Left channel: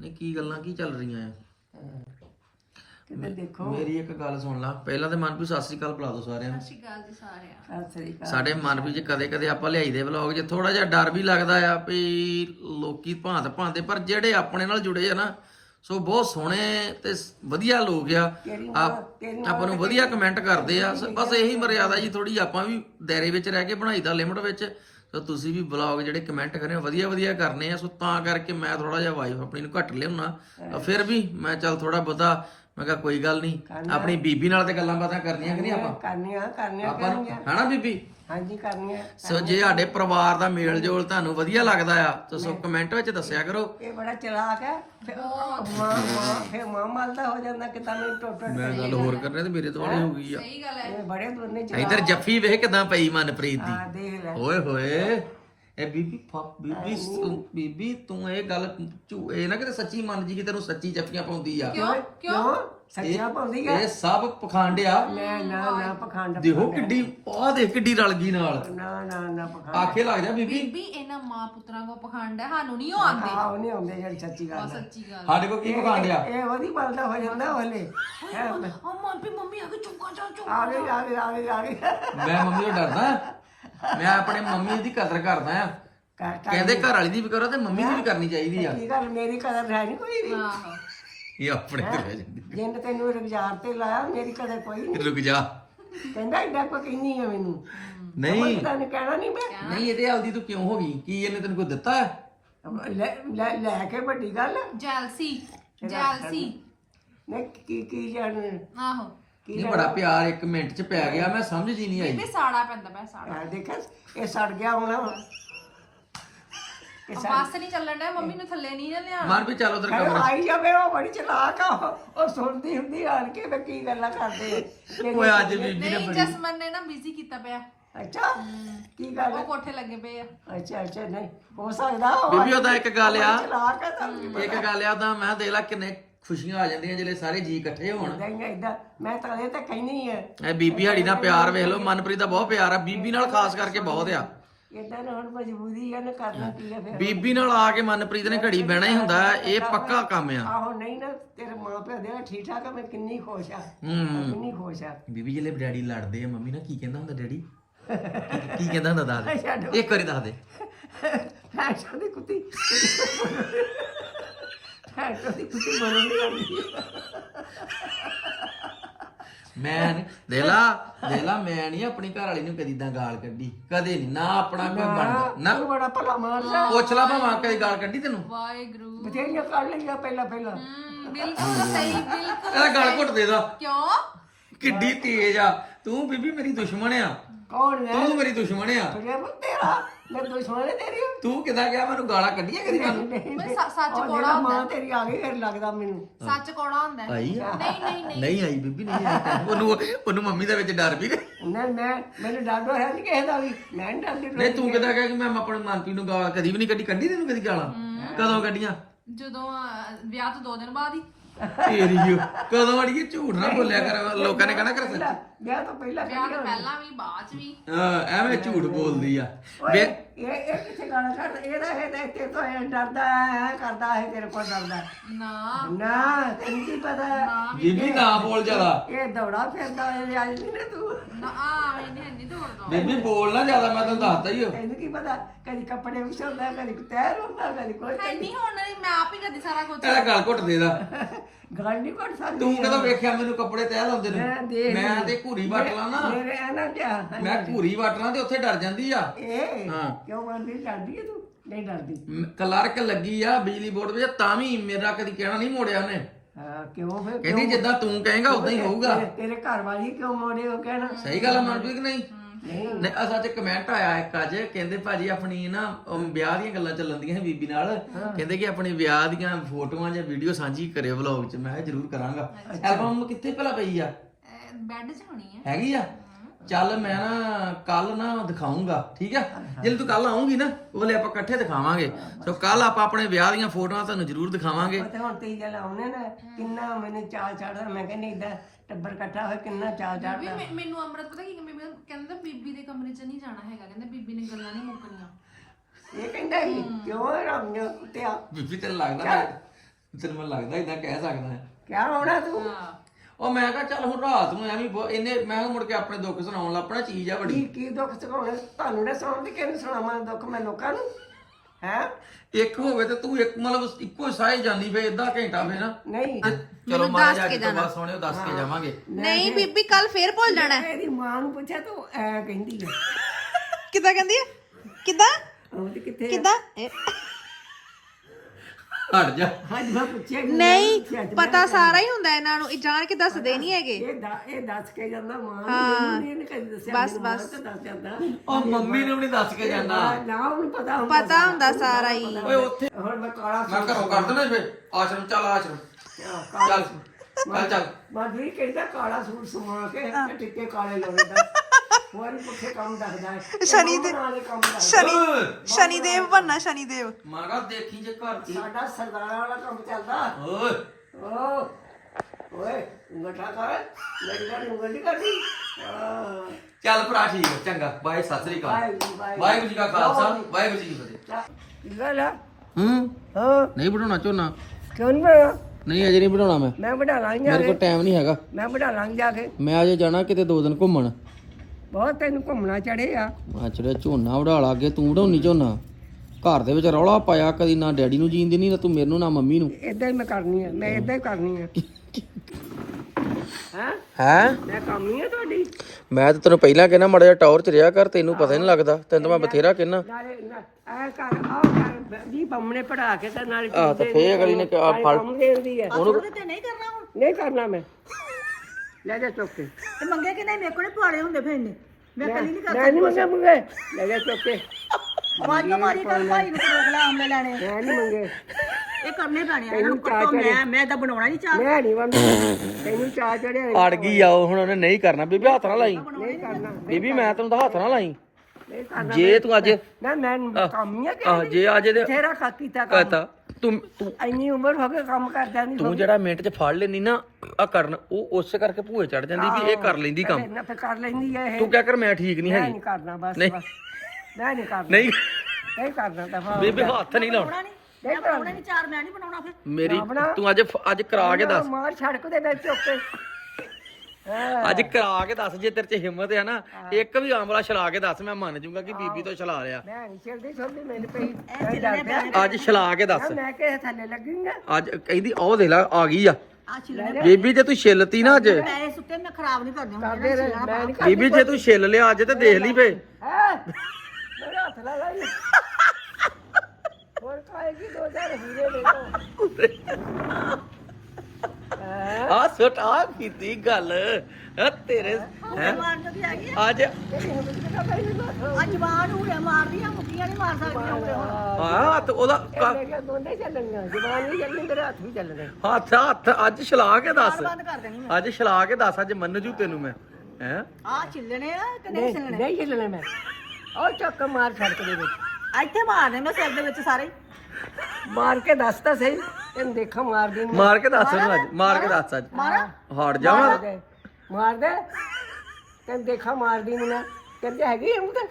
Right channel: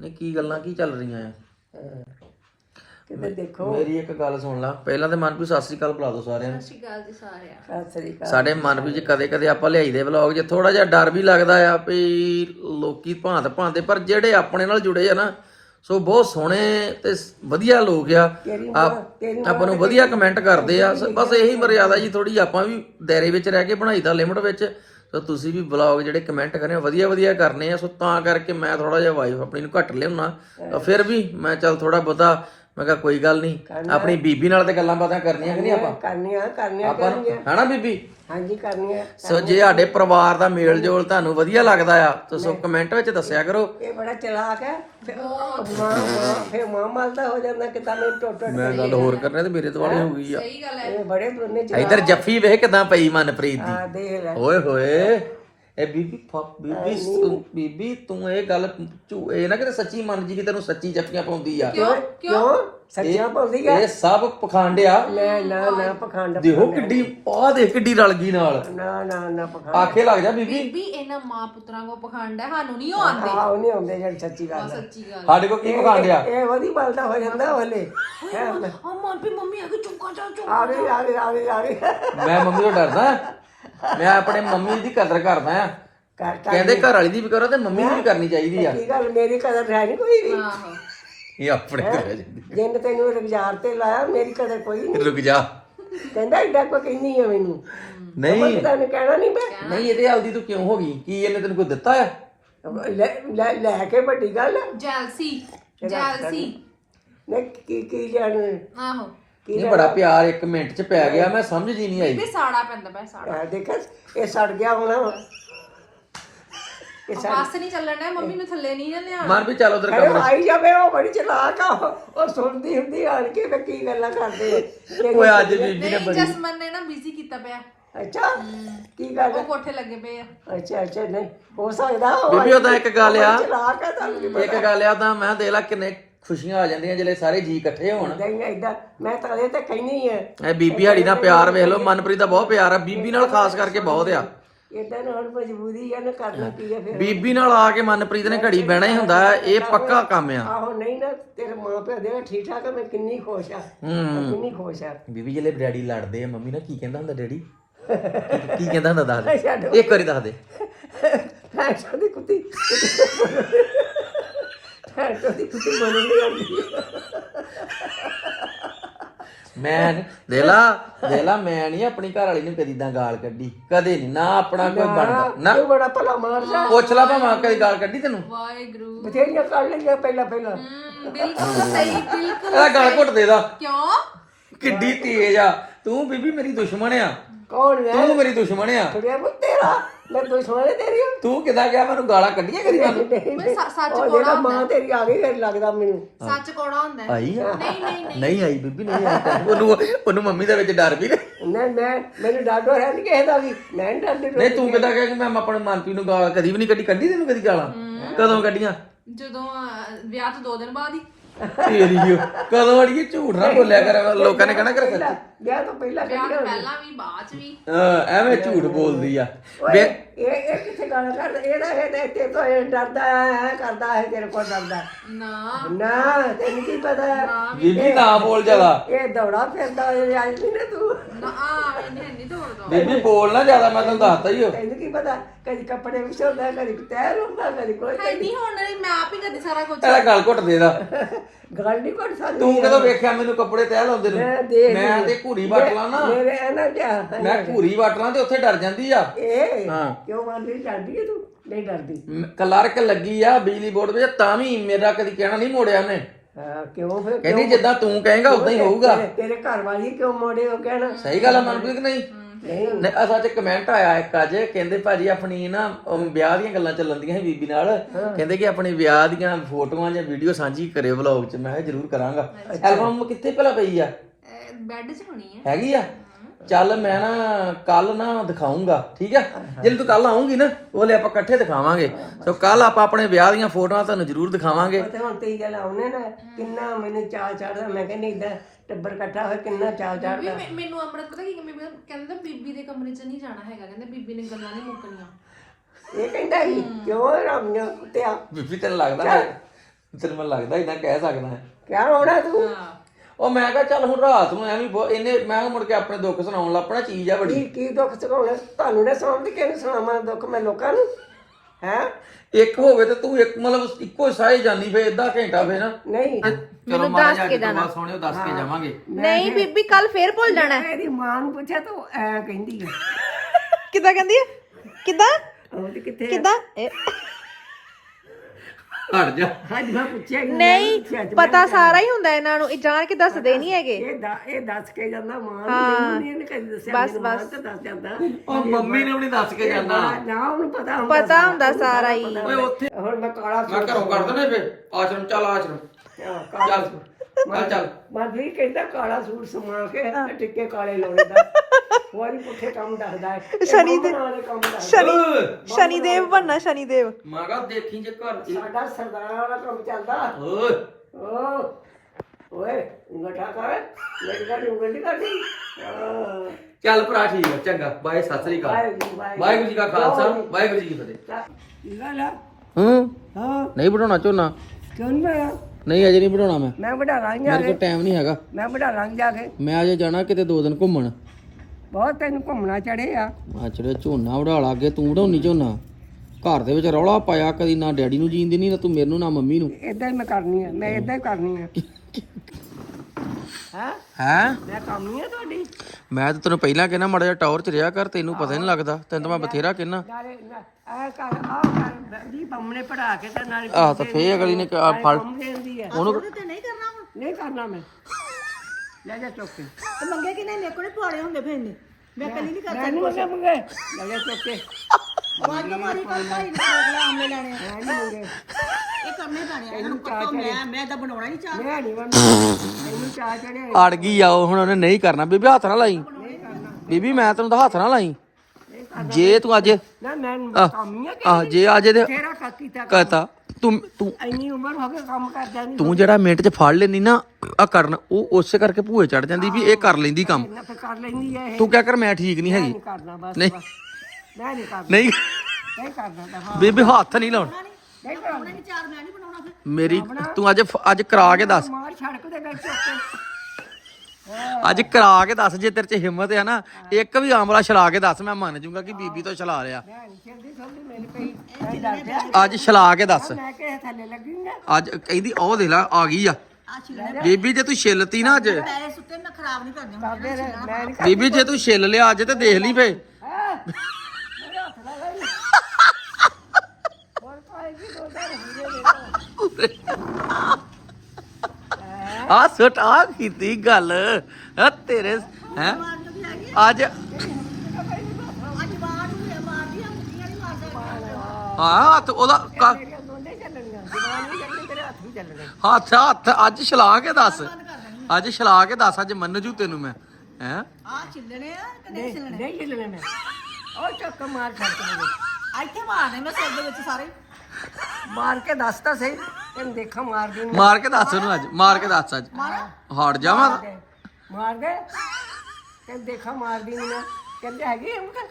ਨਹੀਂ ਕੀ ਗੱਲਾਂ ਕੀ ਚੱਲ ਰਹੀਆਂ ਆ। ਕਿਤੇ ਦੇਖੋ। ਮੇਰੀ ਇੱਕ ਗੱਲ ਸੁਣ ਲਾ। ਪਹਿਲਾਂ ਤੇ ਮਨਪ੍ਰੀਤ ਸਤਿ ਸ੍ਰੀ ਅਕਾਲ ਬੁਲਾ ਦਿਓ ਸਾਰਿਆਂ ਨੂੰ। ਸਤਿ ਸ਼੍ਰੀ ਅਕਾਲ ਜੀ ਸਾਰਿਆਂ ਸਤਿ ਸ੍ਰੀ ਅਕਾਲ। ਸਾਡੇ ਮਨਪ੍ਰੀਤ ਜੀ ਕਦੇ ਕਦੇ ਆਪਾਂ ਲਿਆਈਦੇ ਵਲੌਗ 'ਚ ਥੋੜਾ ਜਿਹਾ ਡਰ ਵੀ ਲੱਗਦਾ ਆ ਵੀ ਲੋਕੀ ਭਾਂਤ ਭਾਂਤੇ ਪਰ ਜਿਹੜੇ ਆਪਣੇ ਨਾਲ ਜੁੜੇ ਆ ਨਾ ਸੋ ਬਹੁਤ ਸੋਹਣੇ ਤੇ ਸ- ਵਧੀਆ ਲੋਕ ਆ। ਆਪ- ਆਪਾਂ ਨੂੰ ਵਧੀਆ ਕਮੈਂਟ ਕਰਦੇ ਆ। ਸ- ਬਸ ਇਹੀ ਮਰਿਆਦਾ ਜੀ ਥੋੜੀ ਆਪਾਂ ਵੀ ਦਾਇਰੇ ਵਿੱਚ ਰਹਿ ਕੇ ਬਣਾਈਦਾ ਲਿਮਟ ਵਿੱਚ। ਸੋ ਤੁਸੀਂ ਵੀ ਵਲੌਗ ਜਿਹੜੇ ਕਮੈਂਟ ਕਰਨੇ ਆ ਵਧੀਆ ਵਧੀਆ ਕਰਨੇ ਆ। ਸੋ ਤਾਂ ਕਰਕੇ ਮੈਂ ਥੋੜਾ ਜਿਹਾ ਵਾਈਫ ਆਪਣੀ ਨੂੰ ਘੱਟ ਲਿਆਉਣਾ ਫਿਰ ਵੀ ਮੈਂ ਚੱਲ ਥੋੜਾ ਬਹੁਤਾ ਮੈਂ ਕਿਹਾ ਕੋਈ ਗੱਲ ਨਹੀਂ ਆਪਣੀ ਬੀਬੀ ਨਾਲ ਤੇ ਗੱਲਾਂ ਬਾਤਾਂ ਕਰਨੀਆਂ ਕਿ ਨਹੀਂ ਆਪਾਂ? ਕਰਨੀਆਂ ਕਰਨੀਆਂ ਆਪਾਂ ਨੂੰ? ਹਨਾ ਬੀਬੀ? ਹਾਂਜੀ ਕਰਨੀਆਂ ਸੋ ਜੇ ਸਾਡੇ ਪਰਿਵਾਰ ਦਾ ਮੇਲ ਜੋਲ ਤੁਹਾਨੂੰ ਵਧੀਆ ਲੱਗਦਾ ਆ ਤਾਂ ਸੋ ਕਮੈਂਟ ਵਿੱਚ ਦੱਸਿਆ ਕਰੋ। ਇਹ ਬੜਾ ਚਲਾਕ ਹੈ। ਤੇ ਮਾਂ ਮਾਂ ਫੇ ਮਾਂ ਮਲਦਾ ਹੋ ਜਾਂਦਾ ਕਿ ਤਾਂ ਮੈਂ ਟੁੱਟ ਟੁੱਟ ਮੈਂ ਗੱਲ ਹੋਰ ਕਰਨੇ ਤੇ ਮੇਰੇ ਦੁਆਲੇ ਹੋ? ਗਈ ਆ। ਸਹੀ ਗੱਲ ਹੈ। ਇਹ ਬੜੇ ਦੋਨੇ ਚ ਇਧਰ ਜੱਫੀ ਵੇਖ ਕਿਦਾਂ ਪਈ ਮਨਪ੍ਰੀਤ ਆ ਦੀ ਦੇਖ ਲੈ। ਓਏ ਹੋਏ। ਇਹ ਬੀਬੀ ਬੀਬੀ ਤੂੰ- ਬੀਬੀ ਤੂੰ ਇਹ ਗੱਲ ਝੂ- ਇਹ ਨਾ ਕਿਤੇ ਸੱਚੀ ਮੰਨ ਜੀ ਕਿ ਤੈਨੂੰ ਸੱਚੀ ਜੱਫੀਆਂ ਪਾਉਂਦੀ ਆ। ਕਿਉਂ? ਕਿਉਂ? ਸੱਜਿਆ ਪਾਉਂਦੀ ਆ? ਇਹ ਸਭ ਪਖੰਡ ਆ। ਨਾ ਨਾ ਨਾ ਪਖੰਡ ਦੇਖੋ ਕਿੱਡੀ ਆਹ ਦੇਖ ਕਿੱਡੀ ਰਲ ਗਈ ਨਾਲ। ਨਾ ਨਾ ਨਾ ਪਖੰਡ। ਆਖੇ ਲੱਗ ਜਾ ਬੀਬੀ। ਬੀਬੀ ਇਹਨਾਂ ਮਾਂ ਪੁੱਤਰਾਂ ਕੋ ਪਖੰਡ ਹੈ ਸਾਨੂੰ ਨਹੀਂ ਉਹ ਆਂਦੇ ਆਹ ਉਹ ਨਹੀਂ ਆਉਂਦੇ ਜਿਹੜੀ ਸੱਚੀ ਗੱਲ ਹੈ ਸੱਚੀ ਗੱਲ ਸਾਡੇ ਕੋ ਕੀ ਪਖੰਡ ਆ? ਇਹ ਉਹਦੀ ਬਲਦਾ ਹੋ ਜਾਂਦਾ ਹਲੇ। ਆ ਮਾਂ ਵੀ ਮੰਮੀ ਆ ਕੇ ਚੁੱਕਾ ਜਾ ਚੁੱਕ। ਆ ਗਈ ਆ ਗਈ ਆ ਗਈ ਆ ਗਈ ਮੈਂ ਮੰਮੀ ਤੋਂ ਡਰਦਾ। ਮੈਂ ਆਪਣੇ ਮੰਮੀ ਦੀ ਕਦਰ ਕਰਦਾ ਆ। ਕਹਿੰਦੇ ਘਰ ਵਾਲੀ ਦੀ ਵੀ ਕਰੋ ਤੇ ਮੰਮੀ ਦੀ ਵੀ ਕਰਨੀ ਚਾਹੀਦੀ ਆ। ਕੀ ਗੱਲ ਮੇਰੀ ਕਦਰ ਹੈ ਨਹੀਂ ਕੋਈ ਵੀ। ਆਹੋ। ਇਹ ਆਪਣੇ ਤੇ ਰਹਿ ਜਾਂਦੀ। ਜਿੰਨ ਤੈਨੂੰ ਰੁਜ਼ਗਾਰ ਤੇ ਲਾਇਆ ਮੇਰੀ ਕਦਰ ਕੋਈ ਨਹੀਂ ਰੁਕ ਜਾ ਕਹਿੰਦਾ ਏਡਾ ਕੋ ਕਹਿੰਦੀ ਆ ਮੈਨੂੰ। ਨਹੀਂ। ਤੈਨੂੰ ਕਹਿਣਾ ਨਹੀਂ ਮੈਂ। ਨਹੀਂ ਇਹਦੇ ਤੂੰ ਕਿਉਂ ਹੋ ਗਈ? ਕੀ ਇਹਨੇ ਤੈਨੂੰ ਕੋਈ ਦਿੱਤਾ ਆ? ਲੈ ਲੈ- ਲੈ ਕੇ ਵੱਡੀ ਗੱਲ ਆ। Jealousy jealousy. ਨਹੀਂ ਕੀ ਕੀ ਜਾਣ। ਆਹੋ। ਇਹ ਬੜਾ ਪਿਆਰ ਇੱਕ ਮਿੰਟ ਚ ਪੈ ਗਿਆ ਮੈਂ ਸਮਝ ਜੀ ਨਹੀਂ ਆਈ। ਵੀ ਸਾੜਾ ਪੈਂਦਾ ਪੈ ਸਾੜਾ। ਆ ਦੇਖ ਇਹ ਸੜ ਗਿਆ ਹੋਣਾ। ਇਹ ਸੜ ਬੱਸ ਨਹੀਂ ਚੱਲਣ ਮੰਮੀ ਨੂੰ ਥੱਲੇ ਨਹੀਂ ਨਾ ਲਿਆ ਮਨ ਵੀ ਚੱਲ ਉਧਰ ਅਰੇ ਕਮਰੇ। ਆਈ ਜਾਵੇ ਉਹ ਬੜੀ ਚਲਾਕ ਆ। ਉਹ ਸੁਣਦੀ ਹੁੰਦੀ ਆਣ ਕੇ ਤੇ ਕੀ ਗੱਲਾਂ ਕਰਦੇ ਆ। ਓਏ ਅੱਜ ਬੀਬੀ ਨੇ ਨਹੀਂ ਬੜੀ ਜਸਮਨ ਨੇ ਨਾ ਬਿਜ਼ੀ ਕੀਤਾ ਪਿਆ। ਅੱਛਾ ਕੀ ਗੱਲ ਉਹ ਕੋਠੇ ਲੱਗੇ ਪਏ ਆ। ਅੱਛਾ ਅੱਛਾ ਨਹੀਂ ਹੋ ਸਕਦਾ ਉਹ ਬੀਬੀ ਉਹ ਤਾਂ ਇੱਕ ਗੱਲ ਆ। ਚਲਾਕ ਇੱਕ ਗੱਲ ਆ ਤਾਂ ਮੈਂ ਦੇਖ ਲਾ ਕਿੰਨੇ ਖੁਸ਼ੀਆਂ ਆ ਜਾਂਦੀਆਂ ਜਿਹੜੇ ਸਾਰੇ ਜੀ ਇਕੱਠੇ ਹੋਣ। ਹੀ ਮੈਂ ਤਾਂ ਇਹ ਤਾਂ ਕਹਿਨੀ ਆ। ਇਹ ਬੀਬੀ ਹਾੜੀ ਨਾਲ ਪਿਆਰ ਵੇਖ ਲਓ ਮਨਪ੍ਰੀਤ ਦਾ ਬਹੁਤ ਪਿਆਰ ਆ ਬੀਬੀ ਨਾਲ ਖਾਸ ਕਰਕੇ ਬਹੁਤ ਆ। ਇਦਾਂ ਹੁਣ ਮਜਬੂਰੀ ਆ ਨਾ ਕਰਨਾ ਕੀ ਆ ਫਿਰ। ਬੀਬੀ ਨਾਲ ਆ ਕੇ ਮਨਪ੍ਰੀਤ ਨੇ ਘੜੀ ਬਹਿਣਾ ਹੀ ਹੁੰਦਾ ਹੈ, ਇਹ ਪੱਕਾ ਕੰਮ ਆ। ਆਹੋ ਨਹੀਂ ਨਾ ਤੇਰੇ ਮਾਂ ਪਿਓ ਦੇ ਠੀਕ ਠਾਕ ਆ ਮੈਂ ਕਿੰਨੀ ਖੁਸ਼ ਆ। ਹੂੰ। ਕਿੰਨੀ ਖੁਸ਼ ਆ। ਬੀਬੀ ਜਿਹੜੇ ਡੈਡੀ ਲੜਦੇ ਆ ਮੰਮੀ ਨਾਲ ਕੀ ਕਹਿੰਦਾ ਹੁੰਦਾ ਡੈਡੀ? ਕੀ- ਕੀ ਕਹਿੰਦਾ ਹੁੰਦਾ ਦੱਸ ਦੇ। ਛੱਡ। ਇੱਕ ਵਾਰੀ ਦੱਸ ਦੇ। ਹੈ ਸਾਡੀ ਕੁੱਤੀ। ਹੈ ਨਹੀਂ। ਮੈਂ ਨੀ- ਦੇਖ ਲਾ ਦੇਖ ਲਾ ਮੈਂ ਨਹੀਂ ਆਪਣੀ ਘਰ ਵਾਲੀ ਨੂੰ ਕਦੀ ਤਾਂ ਗਾਲ ਕੱਢੀ। ਕਦੇ ਨਹੀਂ ਨਾ ਆਪਣਾ ਕੋਈ ਬਣਦਾ ਨਾ। ਤੂੰ ਬੜਾ ਭਲਾ ਮਾਰਦਾ ਪੁੱਛ ਲਾ ਭਾਵੇਂ ਕਦੀ ਗਾਲ ਕੱਢੀ ਤੈਨੂੰ? ਵਾਹਿਗੁਰੂ। ਬਥੇਰੀਆਂ ਕਰ ਲਈਆਂ ਪਹਿਲਾਂ ਪਹਿਲਾਂ। ਹਮ, ਬਿਲਕੁਲ ਸਹੀ ਬਿਲਕੁਲ ਇਹਦਾ ਗਾਲ ਘੁੱਟ ਦੇ ਦਾ। ਕਿਉਂ? ਕਿੱਡੀ ਤੇਜ਼ ਆ। ਤੂੰ ਬੀਬੀ ਮੇਰੀ ਦੁਸ਼ਮਣ ਆ। ਕੌਣ ਹੈ? ਤੂੰ ਮੇਰੀ ਦੁਸ਼ਮਣ ਆ। ਕੁੜੀਆ ਤੇਰਾ। ਮੈਂ ਦੁਸ਼ਮਣ ਹੈ ਤੇਰੀ ਤੂੰ ਕਿਦਾਂ ਗਿਆ ਮੈਨੂੰ ਗਾਲਾਂ ਕੱਢੀਆਂ ਕਦੀ ਤੁਹਾਨੂੰ ਮੈਂ ਸ- ਸੱਚ ਉਹ ਜਿਹੜਾ ਮਾਂ ਤੇਰੀ ਆ ਗਈ ਫਿਰ ਲੱਗਦਾ ਮੈਨੂੰ। ਸੱਚ ਕੋੜਾ ਹੁੰਦਾ। ਹੈ। ਆਈ? ਆ? ਨਹੀਂ ਨਹੀਂ ਨਹੀਂ। ਨਹੀਂ ਆਈ ਬੀਬੀ ਨਹੀਂ ਆਈ। ਉਹਨੂੰ ਉਹਨੂੰ ਮੰਮੀ ਦੇ ਵਿੱਚ ਡਰ ਵੀ ਨਹੀਂ। ਮੈਂ ਮੈਂ ਮੈਨੂੰ ਡਾਡੋ ਹੈ ਨਹੀਂ ਕਿਸੇ ਦਾ ਵੀ। ਮੈਂ ਨਹੀਂ ਡਰਦੀ ਨਹੀਂ ਤੂੰ ਕਿਦਾਂ ਕਹਿ ਕਿ ਮੈਂ ਆਪਣੇ ਮਨਪ੍ਰੀਤ ਨੂੰ ਗਾਲ ਕਦੀ ਵੀ ਨਹੀਂ ਕੱਢੀ? ਕੱਢੀ ਤੈਨੂੰ ਕਦੀ ਗਾਲਾਂ? ਕਦੋਂ ਕੱਢੀਆਂ? ਜਦੋਂ ਅਹ, ਵਿਆਹ ਤੋਂ 2 ਦਿਨ ਬਾਅਦ ਹੀ। ਤੇਰੀ ਓ। ਕਦੋਂ ਅੜੀਏ ਝੂਠ ਨਾ ਬੋਲਿਆ ਕਰ ਲੋਕਾਂ ਨੇ ਕਹਿਣਾ ਕਰ ਪਹਿਲਾਂ ਵਿਆਹ ਤੋਂ ਪਹਿਲਾਂ ਤੋਂ ਪਹਿਲਾਂ ਵੀ ਬਾਅਦ ਚ ਵੀ। ਹਾਂ ਐਵੇਂ ਝੂਠ ਬੋਲਦੀ ਆ। ਇਹ ਇਹ ਕਿੱਥੇ ਗਾਲਾਂ ਕਰਦਾ ਇਹਦਾ ਇਹ ਤੇ ਤੇ ਤੋਂ ਇਹ ਡਰਦਾ ਹੈ ਕਰਦਾ ਹੈ ਤੇਰੇ ਕੋਲ ਡਰਦਾ। ਨਾ। ਨਾ ਤੈਨੂੰ ਕੀ ਪਤਾ? ਬੀਬੀ ਨਾ ਬੋਲ ਜਲਾ ਇਹ ਦੌੜਾ ਫਿਰਦਾ ਇਹ ਆਈ ਨਹੀਂ ਨਾ ਤੂੰ। ਨਾ ਆ ਨਹੀਂ ਨਹੀਂ ਤੋੜਦਾ ਬੀਬੀ ਬੋਲ ਨਾ ਜ਼ਿਆਦਾ ਮੈਂ ਤੈਨੂੰ ਦੱਸਤਾ ਹੀ ਹੋ ਤੈਨੂੰ ਕੀ ਪਤਾ? ਕਦੀ ਕੱਪੜੇ ਵਿਛਾਉਂਦਾ ਕਦੀ ਤੈਰ ਹੁੰਦਾ ਕਦੀ ਕੋਈ ਨਹੀਂ ਹੁਣ ਮੈਂ ਆਪ ਹੀ ਕਦੀ ਸਾਰਾ ਕੁਝ ਇਹਦਾ ਗਲ ਘੁੱਟ ਦੇ ਦਾ ਗੱਲ ਨਹੀਂ ਕਰ ਸਕਦੀ ਤੂੰ ਕਦੋਂ ਵੇਖਿਆ ਮੈਨੂੰ ਕੱਪੜੇ ਤੈਅ ਲਾਉਂਦੇ ਮੈਂ ਨੂੰ ਦੇਖ ਮੈਂ ਤੇ ਘੂਰੀ ਵੱਟ ਲਾਂ ਨਾ ਮੇਰੇ ਇਹਨਾਂ ਜਾ ਮੈਂ ਘੂਰੀ ਵੱਟ ਲਾਂ ਤੇ ਉੱਥੇ ਡਰ ਜਾਂਦੀ ਆ। ਇਹ ਹਾਂ। ਕਿਉਂ ਮੰਨਦੀ ਡਰਦੀ ਹੈ ਤੂੰ? ਨਹੀਂ ਡਰਦੀ। ਮ- ਕਲਰਕ ਲੱਗੀ ਆ ਬਿਜਲੀ ਬੋਰਡ ਵਿੱਚ ਤਾਂ ਵੀ ਮੇਰਾ ਕਦੀ ਕਹਿਣਾ ਨਹੀਂ ਮੋੜਿਆ ਹਾਂ ਕਿਉਂ ਫਿਰ? ਕਹਿੰਦੀ ਜਿੱਦਾਂ ਤੂੰ ਕਹੇਗਾ ਉਦਾਂ ਹੀ ਹੋਊਗਾ। ਤੇਰੇ- ਤੇਰੇ ਘਰ ਵਾਲੀ ਕਿਉਂ ਮੋੜੇ ਹੋ ਕਹਿਣਾ? ਸਹੀ ਗੱਲ ਆ ਮਨਪ੍ਰੀਤ ਕਿ ਨਹੀਂ? ਨਹੀਂ। ਨਹੀਂ ਅਸਾਂ ਚ ਕਮੈਂਟ ਆਇਆ ਇੱਕ ਅੱਜ ਕਹਿੰਦੇ ਭਾਜੀ ਆਪਣੀ ਨਾ ਵਿਆਹ ਦੀਆਂ ਗੱਲਾਂ ਚੱਲਣ ਦੀਆਂ ਸੀ ਬੀਬੀ ਨਾਲ। ਕਹਿੰਦੇ ਕਿ ਆਪਣੀ ਵਿਆਹ ਦੀਆਂ ਫੋਟੋਆਂ ਜਾਂ ਵੀਡੀਓ ਸਾਂਝੀ ਕਰਿਓ ਵਲੌਗ 'ਚ। ਮੈਂ ਕਿਹਾ ਜ਼ਰੂਰ ਕਰਾਂਗਾ। ਐਲਬਮ ਕਿੱਥੇ ਭਲਾ ਪਈ ਆ? ਬੈੱਡ 'ਚ ਹੋਣੀ ਹੈ। ਹੈਗੀ ਆ? ਚੱਲ ਮੈਂ ਨਾ ਕੱਲ ਨਾ ਦਿਖਾਉਂਗਾ ਠੀਕ ਆ? ਜਦੋਂ ਤੂੰ ਕੱਲ ਆਉਂਗੀ ਨਾ ਉਹਲੇ ਆਪਾਂ ਇਕੱਠੇ ਦਿਖਾਵਾਂਗੇ। ਸੋ ਕੱਲ ਆਪਾਂ ਆਪਣੇ ਵਿਆਹ ਦੀਆਂ ਫੋਟੋਆਂ ਤੁਹਾਨੂੰ ਜ਼ਰੂਰ ਦਿਖਾਵਾਂਗੇ। ਤੇ ਹੁਣ ਤੇਰੀ ਗੱਲ ਆਉਣੇ ਨਾ ਕਿੰਨਾ ਮੈਨੂੰ ਚਾਅ ਚੜਦਾ ਮੈਂ ਕਹਿੰਦੀ ਇਦਾਂ ਟੱਬਰ ਇਕੱਠਾ ਹੋਏ ਕਿੰਨਾ ਚਾਅ ਚੜਦਾ। ਮੈ- ਮੈਨੂੰ ਅਮਰਤ ਪਤਾ ਕੀ ਕਹਿੰਦਾ ਕਹਿੰਦਾ ਬੀਬੀ ਦੇ ਕਮਰੇ 'ਚ ਨਹੀਂ ਜਾਣਾ ਹੈਗਾ ਕਹਿੰਦਾ ਬੀਬੀ ਨੇ ਗੱਲਾਂ ਨਹੀਂ ਮੁੱਕਣੀਆਂ। ਇਹ ਕਹਿੰਦਾ ਸੀ ਕਿਉਂ ਰਾਮੀਆਂ ਕੁੱਤਿਆ ਬੀਬੀ ਤੈਨੂੰ ਲੱਗਦਾ ਤੈਨੂੰ ਮੈਨੂੰ ਲੱਗਦਾ ਇਦਾਂ ਕਹਿ ਸਕਦਾ ਹੈ। ਕਿਆ ਹੋਣਾ ਤੂੰ? ਉਹ ਮੈਂ ਕਿਹਾ ਚੱਲ ਹੁਣ ਰਾਤ ਨੂੰ ਐਵੇਂ ਬਹੁ- ਇਹਨੇ ਮੈਂ ਕਿਹਾ ਮੁੜ ਕੇ ਆਪਣੇ ਦੁੱਖ ਸੁਣਾਉਣ ਲੱਪਣਾ ਚੀਜ਼ ਆ ਕੀ ਬੜੀ ਕੀ ਦੁੱਖ ਸੁਣਾਉਣਾ? ਤੁਹਾਨੂੰ ਨਾ ਸੁਣਾਉਂਦੀ ਕਿਹਨੂੰ ਸੁਣਾਵਾਂ ਦੁੱਖ ਮੈਂ ਲੋਕਾਂ ਨੂੰ? ਹੈ? ਇੱਕ ਹੋਵੇ ਤੇ ਤੂੰ ਇੱਕ ਮਤਲਬ ਇੱਕੋ ਸਾਏ ਜਾਨੀ ਫੇ ਇਦਾਂ ਘੰਟਾ ਫੇ ਨਾ। ਨਹੀਂ। ਚਲੋ ਮਾਰਾ ਜਾ ਕੇ ਬਾਅਦ ਸੋਹਣੇ ਦੱਸ ਕੇ ਜਾਵਾਂਗੇ। ਨਹੀਂ ਬੀਬੀ ਕੱਲ ਫੇਰ ਭੁੱਲ ਜਾਣਾ। ਹੈ। ਇਹਦੀ ਮਾਂ ਨੂੰ ਪੁੱਛਿਆ ਤੂੰ ਐ ਕਹਿੰਦੀ ਹੈ ਕਿੱਦਾਂ ਕਹਿੰਦੀ ਹੈ ਕਿੱਦਾਂ? ਉਹ ਤੇ ਕਿੱਥੇ ਆ? ਕਿੱਦਾਂ? ਇਹ- ਹਟ ਜਾ। ਅੱਜ ਮੈਂ ਪੁੱਛਿਆ ਕਿ ਨਹੀਂ ਪਤਾ ਸਾਰਾ ਹੀ ਹੁੰਦਾ ਇਹਨਾਂ ਨੂੰ। ਇਹ ਜਾਣ ਕੇ ਦੱਸਦੇ ਨਹੀਂ ਹੈਗੇ। ਇਹ ਦਾ ਇਹ ਦੱਸ ਕੇ ਜਾਂਦਾ ਮਾਂ ਨੂੰ ਨਹੀਂ ਇਹਨੇ ਕਦੇ ਦੱਸਿਆ ਬਸ, ਮੈਨੂੰ ਮਾਂ ਬਸ। ਤਾਂ ਦੱਸ ਜਾਂਦਾ। ਉਹ ਮੰਮੀ ਨੂੰ ਨਹੀਂ ਦੱਸ ਕੇ ਜਾਂਦਾ। ਨਾ- ਨਾ ਉਹਨੂੰ ਪਤਾ ਹੁੰਦਾ ਪਤਾ ਹੁੰਦਾ ਸਾਰਾ ਹੀ। ਓਏ ਉੱਥੇ ਹੁਣ ਮੈਂ ਕਾਲਾ ਮੈਂ ਘਰੋਂ ਕਰ ਦਣਾ ਫੇ ਆਸ਼ਰਮ ਚੱਲ ਆਸ਼ਰਮ। ਚੱਲ ਚੱਲ। ਚੱਲ ਮਾਧੀ ਕਹਿੰਦਾ ਕਾਲਾ ਸੂਟ ਸਮਾ ਕੇ ਤੇ ਟਿੱਕੇ ਕਾਲੇ ਲਾਉਣੇ ਦਾ। ਵਾਰੀ ਪੁੱਠੇ ਕੰਮ ਦੱਸਦਾ ਹੈ। ਸ਼ਨੀ ਦੇ- ਵਾਲੇ ਕੰਮ ਦੱਸਦਾ। ਸ਼ਨੀ ਸ਼ਨੀਦੇਵ ਬੰਨਾ ਸ਼ਨੀਦੇਵ। ਮੈਂ ਕਿਹਾ ਦੇਖੀ ਜੇ ਘਰ। ਦੀ ਸਾਡਾ ਸਰਦਾਰਾਂ ਵਾਲਾ ਕੰਮ ਚੱਲਦਾ। ਓਏ। ਓ ਓਏ ਉਂਗਠਾ ਕਰ। ਮੇਰੀ ਗੱਲ ਉਂਗਲ ਨਹੀਂ ਕਰਦੀ। ਹਾਂ। ਚੱਲ ਭਰਾ ਠੀਕ ਹੈ ਚੰਗਾ। ਬਾਏ ਸਤਿ ਸ੍ਰੀ ਅਕਾਲ। ਵਾਹਿਗੁਰੂ ਜੀ, ਵਾਹਿਗੁਰੂ। ਵਾਹਿਗੁਰੂ ਜੀ ਕਾ ਖਾਲਸਾ ਵਾਹਿਗੁਰੂ ਜੀ ਕੀ ਫਤਿਹ। ਲੈ। ਲੈ ਹੂੰ? ਹਾਂ। ਨਹੀਂ ਬਣਾਉਣਾ ਝੋਨਾ? ਕਿਉਂ ਨਹੀਂ ਬਣਾਇਆ? ਨਹੀਂ ਅਜੇ ਨਹੀਂ ਬਣਾਉਣਾ ਮੈਂ। ਮੈਂ ਲੰਘ ਜਾ ਮੇਰੇ ਕੋਲ ਟਾਈਮ ਨਹੀਂ ਹੈਗਾ। ਮੈਂ ਬੜਾ ਲੰਘ ਜਾ ਕੇ। ਮੈਂ ਅਜੇ ਜਾਣਾ ਕਿਤੇ ਦੋ ਦਿਨ ਘੁੰਮਣ। ਬਹੁਤ ਤੈਨੂੰ ਘੁੰਮਣਾ ਚੜੇ ਆ। ਆ ਚੜੇ ਝੋਨਾ ਵੜਾ ਲਾ ਅੱਗੇ ਤੂੰ ਵਢਾਉਣੀ ਝੋਨਾ। ਘਰ ਦੇ ਵਿੱਚ ਰੌਲਾ ਪਾਇਆ ਕਦੀ ਨਾ ਡੈਡੀ ਨੂੰ ਜੀਣ ਦੇਣੀ ਨਾ ਤੂੰ ਮੈਨੂੰ ਨਾ ਮੰਮੀ ਨੂੰ। ਇਦਾਂ ਹੀ ਮੈਂ ਕਰਨੀ ਆ ਮੈਂ ਇਦਾਂ ਹੀ ਕਰਨੀ ਆ। ਹੈ? ਹੈ? ਮੈਂ ਕਰਨੀ ਆ ਤੁਹਾਡੀ? ਮੈਂ ਤਾਂ ਤੈਨੂੰ ਪਹਿਲਾਂ ਕਹਿਣਾ ਮੜਾ ਜਿਹਾ ਟੌਰ ਚ ਰਿਹਾ ਕਰ ਤੈਨੂੰ ਪਤਾ ਨਹੀਂ ਲੱਗਦਾ। ਤੈਨੂੰ ਤਾਂ ਮੈਂ ਬਥੇਰਾ ਕਹਿਣਾ। ਨਾਲੇ ਐ ਕਰ ਆ ਕਰ ਜੀ ਬੰਮਣੇ ਪੜਾ ਕੇ ਤੇ ਨਾਲੇ ਆਹ ਤਾਂ ਫੇਰ ਅਗਲੀ ਨੇ ਕ- ਫੜ। ਉਹਨੂੰ ਨਹੀਂ ਕਰਨਾ ਮੈਂ। ਲੈ ਜਾ ਚੁੱਕ ਕੇ। ਤੇ ਮੰਗੇ ਕਿ ਨਹੀਂ ਮੇਰੇ ਕੋਲ ਪੁਆੜੇ ਹੁੰਦੇ ਫਿਰ ਇਹਨੇ ਮੈਂ ਕੱਲੀ ਨਹੀਂ ਮੈਂ ਨਹੀਂ ਮੰਗੇ ਮੰਗੇ। ਲੈ ਜਾ ਚੁੱਕ ਕੇ। ਮਾਰੀ ਮਾਰੀ ਕਰ ਭਾਈ ਨੂੰ ਪ੍ਰੋਗਰਾਮ ਆਮਲੇ ਲੈਣੇ। ਮੈਂ ਨਹੀਂ ਮੰਗੇ। ਇਹ ਕਰਨੇ ਪੈਣੇ ਆ ਤੈਨੂੰ ਚਾਹ ਚੜੇ ਮੈਂ ਤਾਂ ਬਣਾਉਣਾ ਨਹੀਂ ਚਾਹ ਮੈਂ ਨਹੀਂ ਵੰਦ ਤੈਨੂੰ ਚਾਹ ਚੜਿਆ ਅੜ ਗਈ ਆ ਉਹ ਹੁਣ ਉਹਨੇ ਨਹੀਂ ਕਰਨਾ। ਬੀਬੀ ਹੱਥ ਨਾ ਲਾਈ। ਨਹੀਂ ਕਰਨਾ। ਬੀਬੀ ਮੈਂ ਤੈਨੂੰ ਤਾਂ ਹੱਥ ਨਾ ਲਾਈ। ਨਹੀਂ ਕਰਨਾ। ਜੇ ਤੂੰ ਅੱਜ ਨਾ ਮੈਂ ਕੰਮ ਹੀ ਆ ਕਿ ਆ ਜੇ ਅੱਜ ਇਹਦੇ ਤੇਰਾ ਕਾ ਕੀਤਾ ਕੰਮ ਕਹਤਾ। ਤੂੰ ਤੂੰ ਇੰਨੀ ਉਮਰ ਹੋ ਗਈ ਕੰਮ ਕਰਦਾ ਨਹੀਂ ਤੂੰ ਜਿਹੜਾ ਮਿੰਟ 'ਚ ਫੜ ਲੈਂਦੀ ਨਾ ਆ ਕਰਨ ਉਹ ਉਸੇ ਕਰਕੇ ਭੂਏ ਚੜ ਜਾਂਦੀ ਵੀ ਇਹ ਕਰ ਲੈਂਦੀ ਕੰਮ। ਨਾ ਫਿਰ ਕਰ ਲੈਂਦੀ ਆ ਇਹ। ਤੂੰ ਕਿਆ ਕਰ ਮੈਂ ਠੀਕ ਨਹੀਂ ਹੈਗੀ। ਨਹੀਂ ਕਰਨਾ ਬਸ ਨਹੀਂ। ਬਸ। ਮੈਂ ਨਹੀਂ ਕਰਨਾ। ਨਹੀਂ। ਨਹੀਂ ਕਰਨਾ ਦਫਾ ਬੀਬੀ ਹੱਥ ਨਹੀਂ ਲਾਉਣਾ। ਨਹੀਂ। ਕਰਨਾ ਚਾਰ ਮੈਂ ਨਹੀਂ ਬਣਾਉਣਾ ਫਿਰ। ਮੇਰੀ ਤੂੰ ਅੱਜ ਅੱਜ ਕਰਾ ਕੇ ਦੱਸ। ਮਾਰ ਸੜਕ ਦੇ ਵਿੱਚ ਕੇ ਅੱਜ ਕਰਾ ਕੇ ਦੱਸ ਜੇ ਤੇਰੇ 'ਚ ਹਿੰਮਤ ਹੈ ਨਾ ਇੱਕ ਵੀ ਆਮਲਾ ਛਲਾ ਕੇ ਦੱਸ ਮੈਂ ਮੰਨ ਜਾਊਂਗਾ ਕਿ ਬੀਬੀ ਤੋਂ ਛਲਾ ਰਿਆ ਮੈਂ ਨਹੀਂ ਪਈ ਅੱਜ ਛਲਾ ਕੇ ਦੱਸ। ਮੈਂ ਕਿਹਾ ਥੱਲੇ ਲੱਗੀ ਨਾ ਅੱਜ ਕਹਿੰਦੀ ਉਹ ਦੇਖ ਲੈ ਆ ਗਈ ਆ। ਬੀਬੀ ਜੇ ਤੂੰ ਛਿੱਲਤੀ ਨਾ ਅੱਜ। ਬੀਬੀ ਜੇ ਤੂੰ ਛਿੱਲ ਲਿਆ ਅੱਜ ਤੇ ਦੇਖ ਲਈ ਫੇ ਹੈ। ਮੇਰਾ ਹੱਥ ਲਾ ਲਈ ਹੋਰ ਕਾਇ ਜੀ ਦੋ ਚਾਰ ਹੀਰੇ ਦੇ ਆ ਸਟ ਆ ਕੀਤੀ ਗੱਲ। ਆ ਤੇਰੇ ਹੈ? ਅੱਜ ਅੱਜ ਜਵਾਨ ਹੋਇਆ ਮਾਰਦੀ ਆ ਮੁੱਕੀਆਂ ਨਹੀਂ ਮਾਰ ਸਕਦੀਆਂ ਹਾਂ ਤੇ ਉਹਦਾ ਕ- ਮੇਰੀਆਂ ਦੋਨੇ ਚੱਲਣੀਆਂ ਜਵਾਨ ਵੀ ਚੱਲਣੀ ਮੇਰੇ ਹੱਥ ਵੀ ਚੱਲਣੇ। ਹੱਥ ਹੱਥ ਅੱਜ ਛਲਾ ਕੇ ਦੱਸ। ਅੱਜ ਛਲਾ ਕੇ ਦੱਸ ਅੱਜ ਮੰਨ ਜੂ ਤੈਨੂੰ ਮੈਂ ਹੈ? ਆ ਛਿੱਲਣੇ ਆ ਕਿ ਨਹੀਂ ਨਹੀਂ ਚੱਲਣੇ ਮੈਂ। ਉਹ ਚੱਕ ਮਾਰ ਸੜਕ ਦੇ ਵਿੱਚ। ਇੱਥੇ ਮਾਰਨੇ ਮੈਂ ਸਿਰ ਦੇ ਵਿੱਚ ਸਾਰੇ। ਮਾਰ ਕੇ ਦੱਸ ਤਾਂ ਸਹੀ। ਤੈਨੂੰ ਦੇਖਾਂ ਮਾਰਦੀ ਨਹੀਂ ਮਾਰ ਕੇ ਦੱਸ ਉਹਨੂੰ ਅੱਜ ਮਾਰ ਕੇ ਦੱਸ ਅੱਜ। ਹਟ ਜਾਵਾਂ? ਮਾਰ ਦੇ ਕਹਿੰਦੇ ਦੇਖਾਂ ਮਾਰਦੀ ਨਹੀਂ ਮੈਂ। ਕਹਿੰਦੇ ਹੈਗੀ ਹਮ ਤਾਂ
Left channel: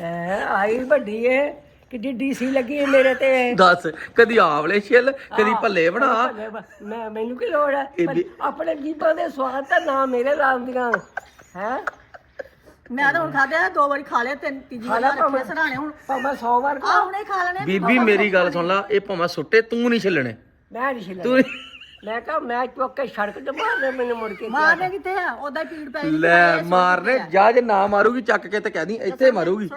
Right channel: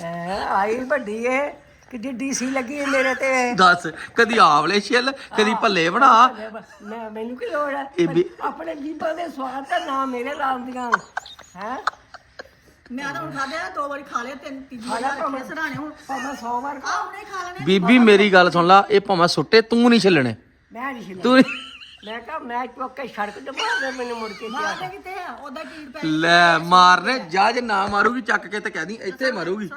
ਐ ਆਈ ਵੱਡੀ ਏ। ਕਿ ਡੀਸੀ ਲੱਗੀ ਏ ਮੇਰੇ ਤੇ। ਦੱਸ ਕਦੀ ਆਵਲੇ ਛਿੱਲ ਕਦੀ ਭੱਲੇ ਬਣਾ। ਮੈਂ ਮੈਨੂੰ ਕੀ ਲੋੜ ਹੈ ਵੀ- ਆਪਣੇ ਜੀਬਾਂ ਦੇ ਸਵਾਦ ਤਾਂ ਨਾ ਮੇਰੇ ਲਾਉਂਦੀਆਂ। ਹੈ? ਮੈਂ ਤਾਂ ਹੁਣ ਖਾਧਿਆ ਦੋ ਵਾਰੀ ਖਾ ਲਿਆ ਤਿੰਨ ਤੀਜੀ ਵਾਰੀ ਰੱਖੇ ਸਰਾਣੇ ਹੁਣ। ਭਾਵੇਂ 100 ਵਾਰ ਆ ਹੁਣੇ ਖਾ ਲੈਣੇ ਬੀਬੀ ਮੇਰੀ ਗੱਲ ਸੁਣ ਲਾ ਇਹ ਭਾਵੇਂ ਸੁੱਟੇ ਤੂੰ ਨਹੀਂ ਛਿੱਲਣੇ। ਮੈਂ ਨਹੀਂ ਛਿਲਿਆ ਤੂੰ ਨੀ- ਮੈਂ ਕਹਾ ਮੈਂ ਚੁੱਕ ਕੇ ਸੜਕ ਤੇ ਮਾਰ ਦੇ ਮੈਨੂੰ ਮੁੜ ਕੇ ਮਾਰਨੇ ਕਿੱਥੇ ਆ? ਉਹਦਾ ਪੀੜ ਪੈ ਲੈ ਮਾਰਨੇ ਜਾ ਜੇ ਨਾ ਮਾਰੂਗੀ ਚੱਕ ਕੇ ਤੇ ਕਹਿਦੀ ਇੱਥੇ ਮਾਰੂਗੀ।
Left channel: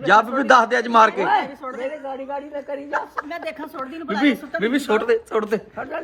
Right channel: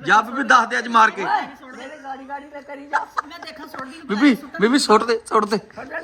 ਜਾ ਬੀਬੀ ਦੱਸ ਦੇ ਅੱਜ ਮਾਰ ਕੇ। ਮੇਰੇ ਗਾੜੀ ਗਾੜੀ ਨਾ ਕਰੀ ਜਾ। ਮੈਂ ਦੇਖਾਂ ਸੁੱਟਦੀ ਨੂੰ ਬੀਬੀ ਬੀਬੀ ਸੁੱਟ ਦੇ ਸੁੱਟ ਦੇ।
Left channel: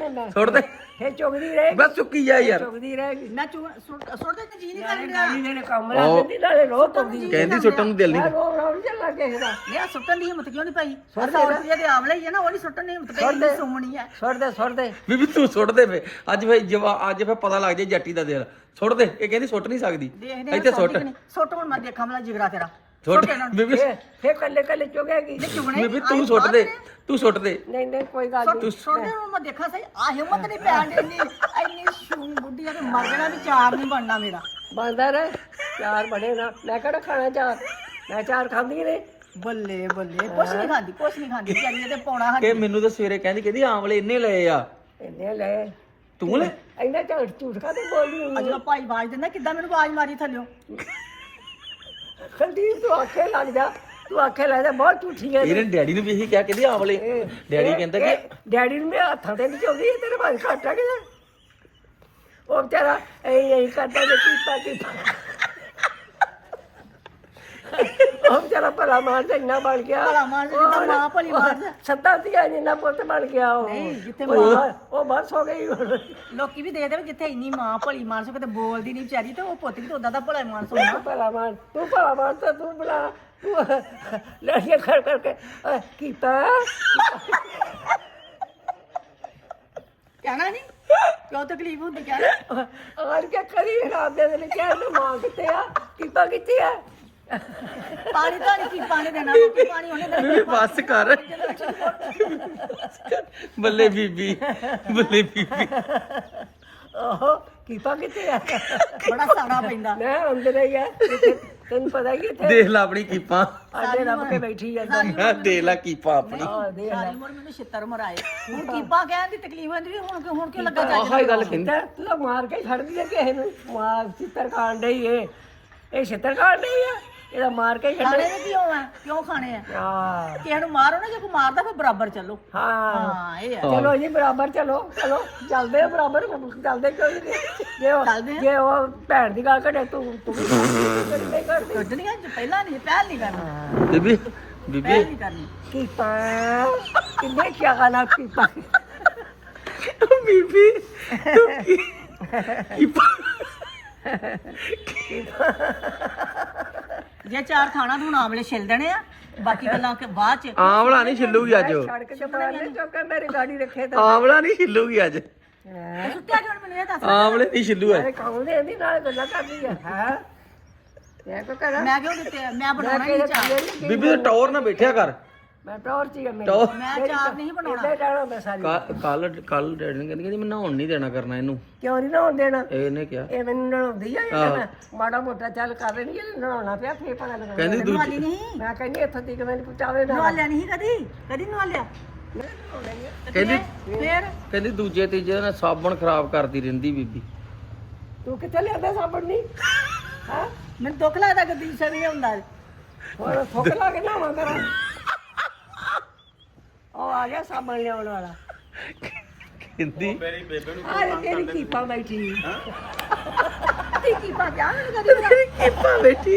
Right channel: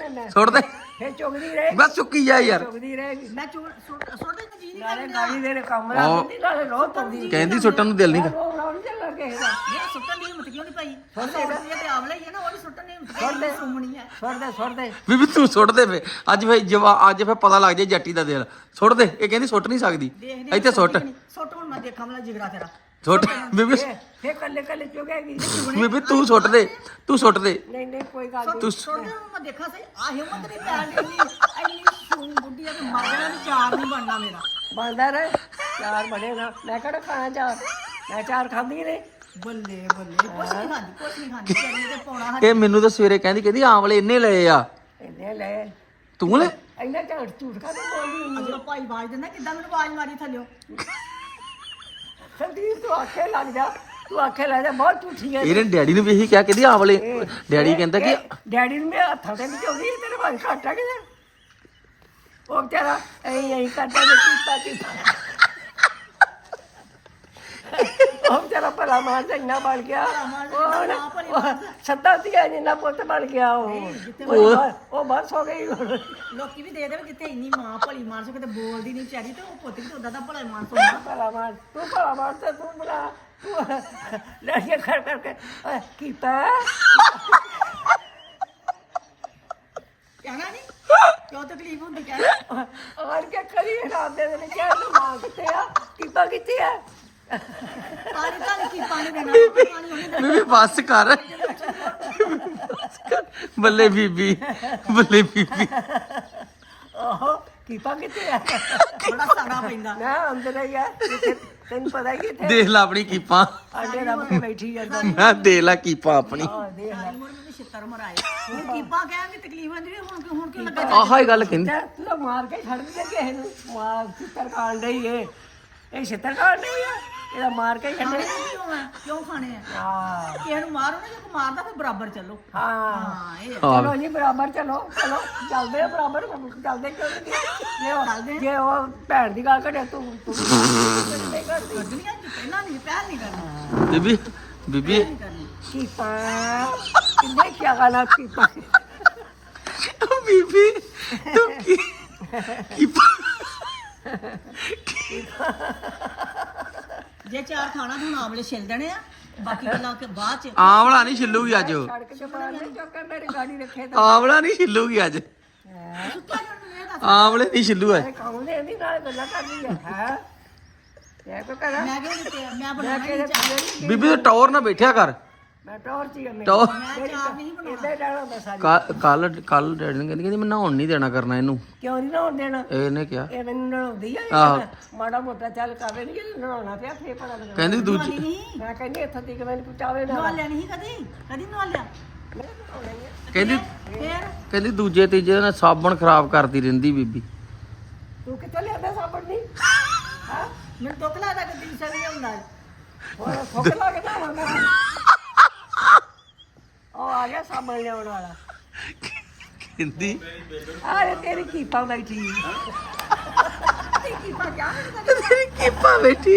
ਮੈਂ। ਸੁੱਟ ਦੇ। ਫੇ ਚੁਗਦੀ ਰਹੇ ਬਸ ਚੁੱਕੀ ਜਾ ਯਾਰ। ਚੁਗਦੀ ਰਹੇਗੀ। ਮੈਂ ਚੁ- ਸੁੱਟ ਸੁੱਟਦੇ ਤੇ ਜੀ ਨਹੀਂ ਨਾਲੇ ਕਰਦਾ। ਗਾੜੀ ਦੇ ਕੰਮ ਲਾ ਦਿੰਦੀ ਨਾਲੇ ਰੋਹ ਪਾਉਂਦੀ। ਕਹਿੰਦੀ ਸੁੱਟਣ ਨੂੰ ਦਿਲ ਨਹੀਂ ਮੈਂ ਰੋਹ ਰੋਹ ਚੱਲਾ ਕਿਸੇ ਦਾ। ਇਹ ਸੁੱਟਣ ਦੀ ਹਿੰਮਤ ਕਿਉਂ ਨਹੀਂ ਪਾਈ ਸੌ ਰੁਪਏ ਦੇ ਆਵਲੇ ਹੀ ਆ ਨਾ ਉਹ ਨਹੀਂ ਸੁੱਟਣ ਦੀ ਹਿੰਮਤ ਪਈ ਸੁਮਣੀ ਹੈ ਸੁੱਟ ਦੇ ਸੁੱਟ ਦੇ। ਬੀਬੀ ਤੂੰ ਸੁੱਟ ਦੇ ਫੇ ਅੱਜ ਫੇ ਜਵਾ ਅੱਜ ਫੇ ਪਤਾ ਲੱਗ ਜੇ ਜੱਟੀ ਦਾ ਦਿਲ। ਸੁੱਟ ਦੇ ਇਹ ਕਹਿੰਦੀ ਸੁੱਟ ਨਹੀਂ ਸਕਦੀ। ਇੱਥੇ ਸੁੱਟ। ਸੁੱਟ ਹੁਣ ਮੈਂ ਦੇਖਾਂ ਮਲਾ ਜਿਗਰਾ ਤੇਰਾ। ਸੁੱਟ ਬੀਬੀ ਫੇ ਕੱਲੇ ਕੱਲੇ ਚੁਗੇਗੀ ਬੀਬੀ ਤੂੰ ਸੁੱਟ ਦੇ ਤੂੰ ਸੁੱਟ ਦੇ। ਨਹੀਂ ਨਹੀਂ ਕੋਈ ਗੱਲ ਨਹੀਂ। ਤੂੰ ਸੁੱਟਦੇ ਨੂੰ ਮੈਂ ਦੇਖਾਂ ਸਹੀ ਆ ਹਿੰਮਤ ਨਹੀਂ ਪੈਣ ਦੀ ਇੰਨੀ ਸ਼ੂਨ ਬੁੱਢੀ ਆ ਕਿ ਮਰ ਜਾਣਾ ਵੀ ਚਾਰ ਨਹੀਂ ਬਣਨਾ ਮੇਰਾ। ਬਣਦਾ ਰਹੇ ਚਾਰ ਬਣੇ ਨਾ ਮੈਂ ਕਿਹੜਾ ਖਾਣਾ ਚਾਰ? ਮੈਂ ਚਾਰ ਖਾਂਦੀ ਨੇ। ਬੱਲੇ ਬੱਲੇ ਕੁਛ ਨਹੀਂ ਖਾਂਦੀ ਕੁਛ ਨਹੀਂ ਖਾਂਦੀ। ਚੱਲੀਏ ਤੇ ਪਾਉਣਾ ਹੱਥ। ਇਹ ਮੈਨੂੰ ਤਾਂ ਸਵੇਰੇ ਕਹਿੰਦੀ ਕਹਿੰਦੀ ਆਮਲੇ ਇੰਨੇ ਲਏ ਆ। ਇਹਨੇ ਲੈ ਤੂੰ ਲੈ। ਇੰਨਾ ਝੂਠ ਝੂਠ ਕਾਹਦੀ ਬੋਲਦੀ ਹੋਈ ਜਦੋਂ ਭਾਈ ਆਵਾਜ਼ ਦਿੰਦਾ ਕਿੱਦਾਂ ਮੈਨੂੰ ਆਵਾਜ਼ ਮਾਰੀ ਥੱਲਿਓ? ਸੰਦੀਪ ਤੂੰ ਆਖੇ ਲੱਗ ਜਾ ਤੂੰ ਆਖੇ ਲੱਗ ਜਾ ਬਹੁਤ ਝੂਠੀ ਹੈ ਇਹਨੇ ਡੈਡੀ ਨੂੰ ਵੀ ਇਹੀ ਕਿਹਾ ਕਹਿੰਦੀ ਆਮਲੇ ਡੈਡੀ ਕਹਿੰਦਾ ਕਿ ਡੈਡੀ ਨੂੰ ਮੇਰੇ ਹੱਥਾਂ ਤੇ ਨਹੀਂ ਚੋਦੀ ਤੇਰੇ ਭਾਈ ਘਾਟਾ ਕਿ ਉਹ ਵਿਚਾਰਾ ਐ ਐ ਕਾਟਾ ਦੇ ਕੀਤਾ ਕੀਤਾ ਉਹ ਵਿਚਾਰਾ ਭਲਾ ਮਾਰ ਦੇ ਇੰਨਾ ਬਣ ਗਿਆ ਭਲਾ ਮਾਰ ਦੇ ਜਿੱਦਾਂ ਮਾਂ ਭਲੀ ਮਾਰਦਾ। ਸੱਤਾ ਧੀਆ ਜਿੰਨਾ ਪੁੱਤ ਬਣ ਗਿਆ ਉਹ ਜਿੱਥੇ ਉਹ ਉਹ ਬਸ ਹੋ ਗਈ ਹੁਣ। ਲੋਕੀ ਵੀ ਦੇਖਦੇ ਵੀ ਜਿੱਥੇ ਇੰਨੀ ਮਾਂ ਭਲੀ ਮਾਰ ਸਕੇ ਤੇ ਬੋਲਦੀ ਨਹੀਂ ਵਿਚਾਰੀ ਤੇ ਉਹ ਪੁੱਤ ਵੀ ਤਾਂ ਉਦਾਂ ਦਾ ਭਲਾ ਮਾਰ ਸੋਣਾ ਭਲਾ ਮਾਰ ਤੂੰ ਭਲਾ ਮਾਰ ਤੇ ਤੂੰ ਬੁਲਾ ਤੂੰ ਲੈ ਕੇ ਖੜ ਕਰਕੇ ਅਹ, ਕੀਤਾ ਕਹਿਣਾ ਨਹੀਂ ਕਿਉਂ ਤਕਲੀਫ ਹੁੰਦੀ ਕਹਿਣਾ ਆਣ ਕੇ ਕਰੀ ਰਾਤ ਦੇ ਦਿਨ ਕਿਹਾ ਤੂੰ ਮਾਂ ਕਿੱਥੇ ਆ ਕੀਪਾ ਕਿੱਥੇ ਆ ਪਾਣੀ ਤਾਂ ਨਹੀਂ ਕੀ ਪਾਣੀ ਦੇਣਾ ਪਾਣੀ ਉਹਨੇ ਦੇਣਾ। ਬੀਬੀ ਬੱਸ ਕਰ। ਬੱਲੇ ਬੀਬੀ ਬੱਲੇ ਬੀਬੀ। ਓਹੋ ਕੀਪਾ ਕਿੱਥੇ ਆ? ਬੜਾ ਸਾੜਾ ਪੈਂਦਾ। ਮੈਂ ਅੰਦਰ ਹੀ ਆ ਤੈਨੂੰ ਪਤਾ ਹੀ ਇੱਥੇ ਦੇਖ ਲੈ ਆਪਣੀ ਕੀਪਾਂ। ਆਡੇ ਰੱਬ ਕੇ ਬੈਠੀ ਜਾਂਦਾ। ਮੈਂ ਦੇਖ ਲੈ ਕੀਪਾਂ ਆਪਣੀ। ਸਾਰੀ ਉਮਰ ਮੈਨੂੰ ਛਿੱਤਰ ਮਰਾਏ। ਹੁਣ ਕੀਪਾ ਕਹਿਣ ਦੀ ਤਕਲੀਫ ਵੀ ਹੁਣ ਕਿਉਂ- ਹੁਣ ਕਿਉਂ ਲੱਗਾ ਆਹ ਹੀ ਗੱਲ ਕਹਿੰਦੀ। ਤੇ ਮਾਰ ਕੇ ਛੱਡਦੀ ਆ ਕਿਸੇ ਨੂੰ। ਮਾਰ ਛਿੱਤਰ ਖਾਣ ਡਈ ਏ। ਇਹ ਛਿੱਤਰ ਖਾਣ ਡਈ ਆ? ਇਹਦਾ ਮਾਰ ਕੇ ਛੱਡ। ਖਾਣੇ ਕੀ ਹੋਣਾ? ਕਿਉਂ ਖਾਣੇ ਆ? ਹਾਂ। ਕਿਸੇ ਨੂੰ ਮਾਰੋ ਨਾ ਜੇ ਕੋਈ ਮਾਰਦਾ ਫਿਰ ਬਰਾਬਰ ਚੱਲੋ। ਹਾਂ। ਹਾਂ ਇਹ ਆ। ਚਲੋ ਜੀ ਬਰਾਬਰ ਚਲੋ ਚਲੋ ਚੱਲਦੇ ਆ ਬਰਾਬਰ ਚੱਲਦੇ ਕਿਉਂ ਨਹੀਂ? ਜੇ ਉਹ ਜੇ ਉਹ ਭੈਣ ਦੀ ਗੱਲ ਕਰੇ ਤੂੰ ਤੂੰ ਨਹੀਂ ਕਰਦੀ। ਕੱਢਣੀਆਂ ਜੇ ਪਹਿਲਾਂ ਨਹੀਂ ਪਹਿਲ ਨਹੀਂ ਕਰਨੀ। ਬੀਬੀ ਬੀਬੀ। ਪਹਿਲ ਨਹੀਂ ਕਰਨੀ। ਕੀਪਾ। ਕਿੰਨੇ ਕੀ ਗਾਣਾ ਕੀਪਾ। ਬੀਬੀ ਤੂੰ ਕੀ ਕੀਪਾਂ। ਜੇ ਚਾਰ ਖਾਣਾ ਤੂੰ ਆਮਲੇ ਛਿਲ ਦੇਣੇ ਆ। ਬਾਕੀ ਗੱਲਾਂ ਕਿ ਬਾਅਦ ਚ ਆਮਲਾ ਨਹੀਂ ਛਿੱਲੂਗੀ ਅੱਜ। ਉਹ। ਸੜਕ ਤੇ ਚੌਕਰ ਰੱਖੇ ਤਾਂ। ਆਮਲਾ ਨਹੀਂ ਛਿੱਲੂਗੀ ਅੱਜ। ਸੁੱਤਿਆ ਕਿਉਂ ਮੈਨੂੰ ਇਹ ਦੱਸ। ਆਮਲੇ ਨਹੀਂ ਛਿੱਲੂ ਅੱਜ। ਅਰੇ ਕਹਉਂਦੇ ਨਹੀਂ ਨਾਲ ਗੱਲਾਂ ਕਰਦੀ ਆ। ਹਾਂ? ਮੈਂ ਕੋ ਕਰਾਂ? ਮੈਂ ਕਿਉਂ ਦਿੱਤੇ ਮੈਂ ਬਣਾਉਣਾ ਕਿਹੜੇ ਨਹੀਂ ਚਾਹ। ਬੀਬੀ ਤੂੰ ਟੌਰ ਨਾ ਬੈਠਿਆ ਕਰ। ਮੈਂ ਟੌਰ ਚ ਮੇਰੀ। ਟੌਰ ਮੈਂ ਚਾਰ ਨਹੀਂ ਬਣਾਉਣਾ। ਇਹਦੇ ਕਹਿਣਾ ਹੁੰਦਾ ਸਾਰੀ। ਕੱਲ ਕੱਲ ਡੈਡੀ ਨੇ ਕਹਿੰਦੀ ਕਹਿੰਦੀ ਮੈਂ ਨਹਾਉਣ ਨਹੀਂ ਦੇਣਾ ਕਰਨਾ ਇਹਨੂੰ। ਕਿਉਂ ਨਹੀਂ ਨਹਾਉਣ ਦੇਣਾ? ਇਹਨੇ ਕਿਹਾ। ਇਹ ਮੈਨੂੰ ਨਹਾਉਂਦੀ ਆ ਆਹੋ। ਇਹ ਮਾੜਾ ਮੋਟਾ ਚੱਲ ਕਰ ਰਹੀ ਹੈ ਨਹਾਉਣਾ ਪਿਆ ਫੇਰ ਪਤਾ ਲੱਗਣਾ ਕਹਿੰਦੀ ਦੂਜੀ ਨਵਾਲੀ ਨਹੀਂ। ਮੈਂ ਕਹਿੰਦੀ ਇੱਥੇ ਤੀਕ ਮੈਨੂੰ ਪਚਾਵੇ ਨਾ ਨਵਾਲਿਆ ਨਹੀਂ ਕਦੀ? ਕਦੀ ਨਵਾਲਿਆ ਕਹਿੰਦੀ ਫੇਰ? ਕਹਿੰਦੀ ਦੂਜੇ ਤੀਜੇ ਦਿਨ ਸਾਬਣ ਖਰਾਬ ਕਰਦੀ ਰਹਿੰਦੀ ਬੀਬੀ। ਤੂੰ ਕਿੱਥੇ ਲਿਆਂਦਾ ਸਾਬਣ ਨਹੀਂ? ਹੈ? ਮੈਨੂੰ ਦੁੱਖ ਲੱਗਦਾ ਕਿ ਪੀਛਾ ਨਹੀਂ ਹੁੰਦਾ ਹੋਰ ਥੁੱਕ ਲਾ ਕੇ ਨਾ ਮੰਗਰਾ ਉਹ ਆ ਗਿਆ ਸਾਬਣ ਲਿਆਉਣ ਵਾਲਾ। ਕਹਿੰਦੀ ਆਰੇ ਤੇਰੀ ਕੀਪਾ ਬੈਠੀ। ਤੇਰੀ ਕੀਪਾ ਕਿਆ ਨਹੀਂ ਕਰੀ ਕੀਪਾ ਬੈਠੀ।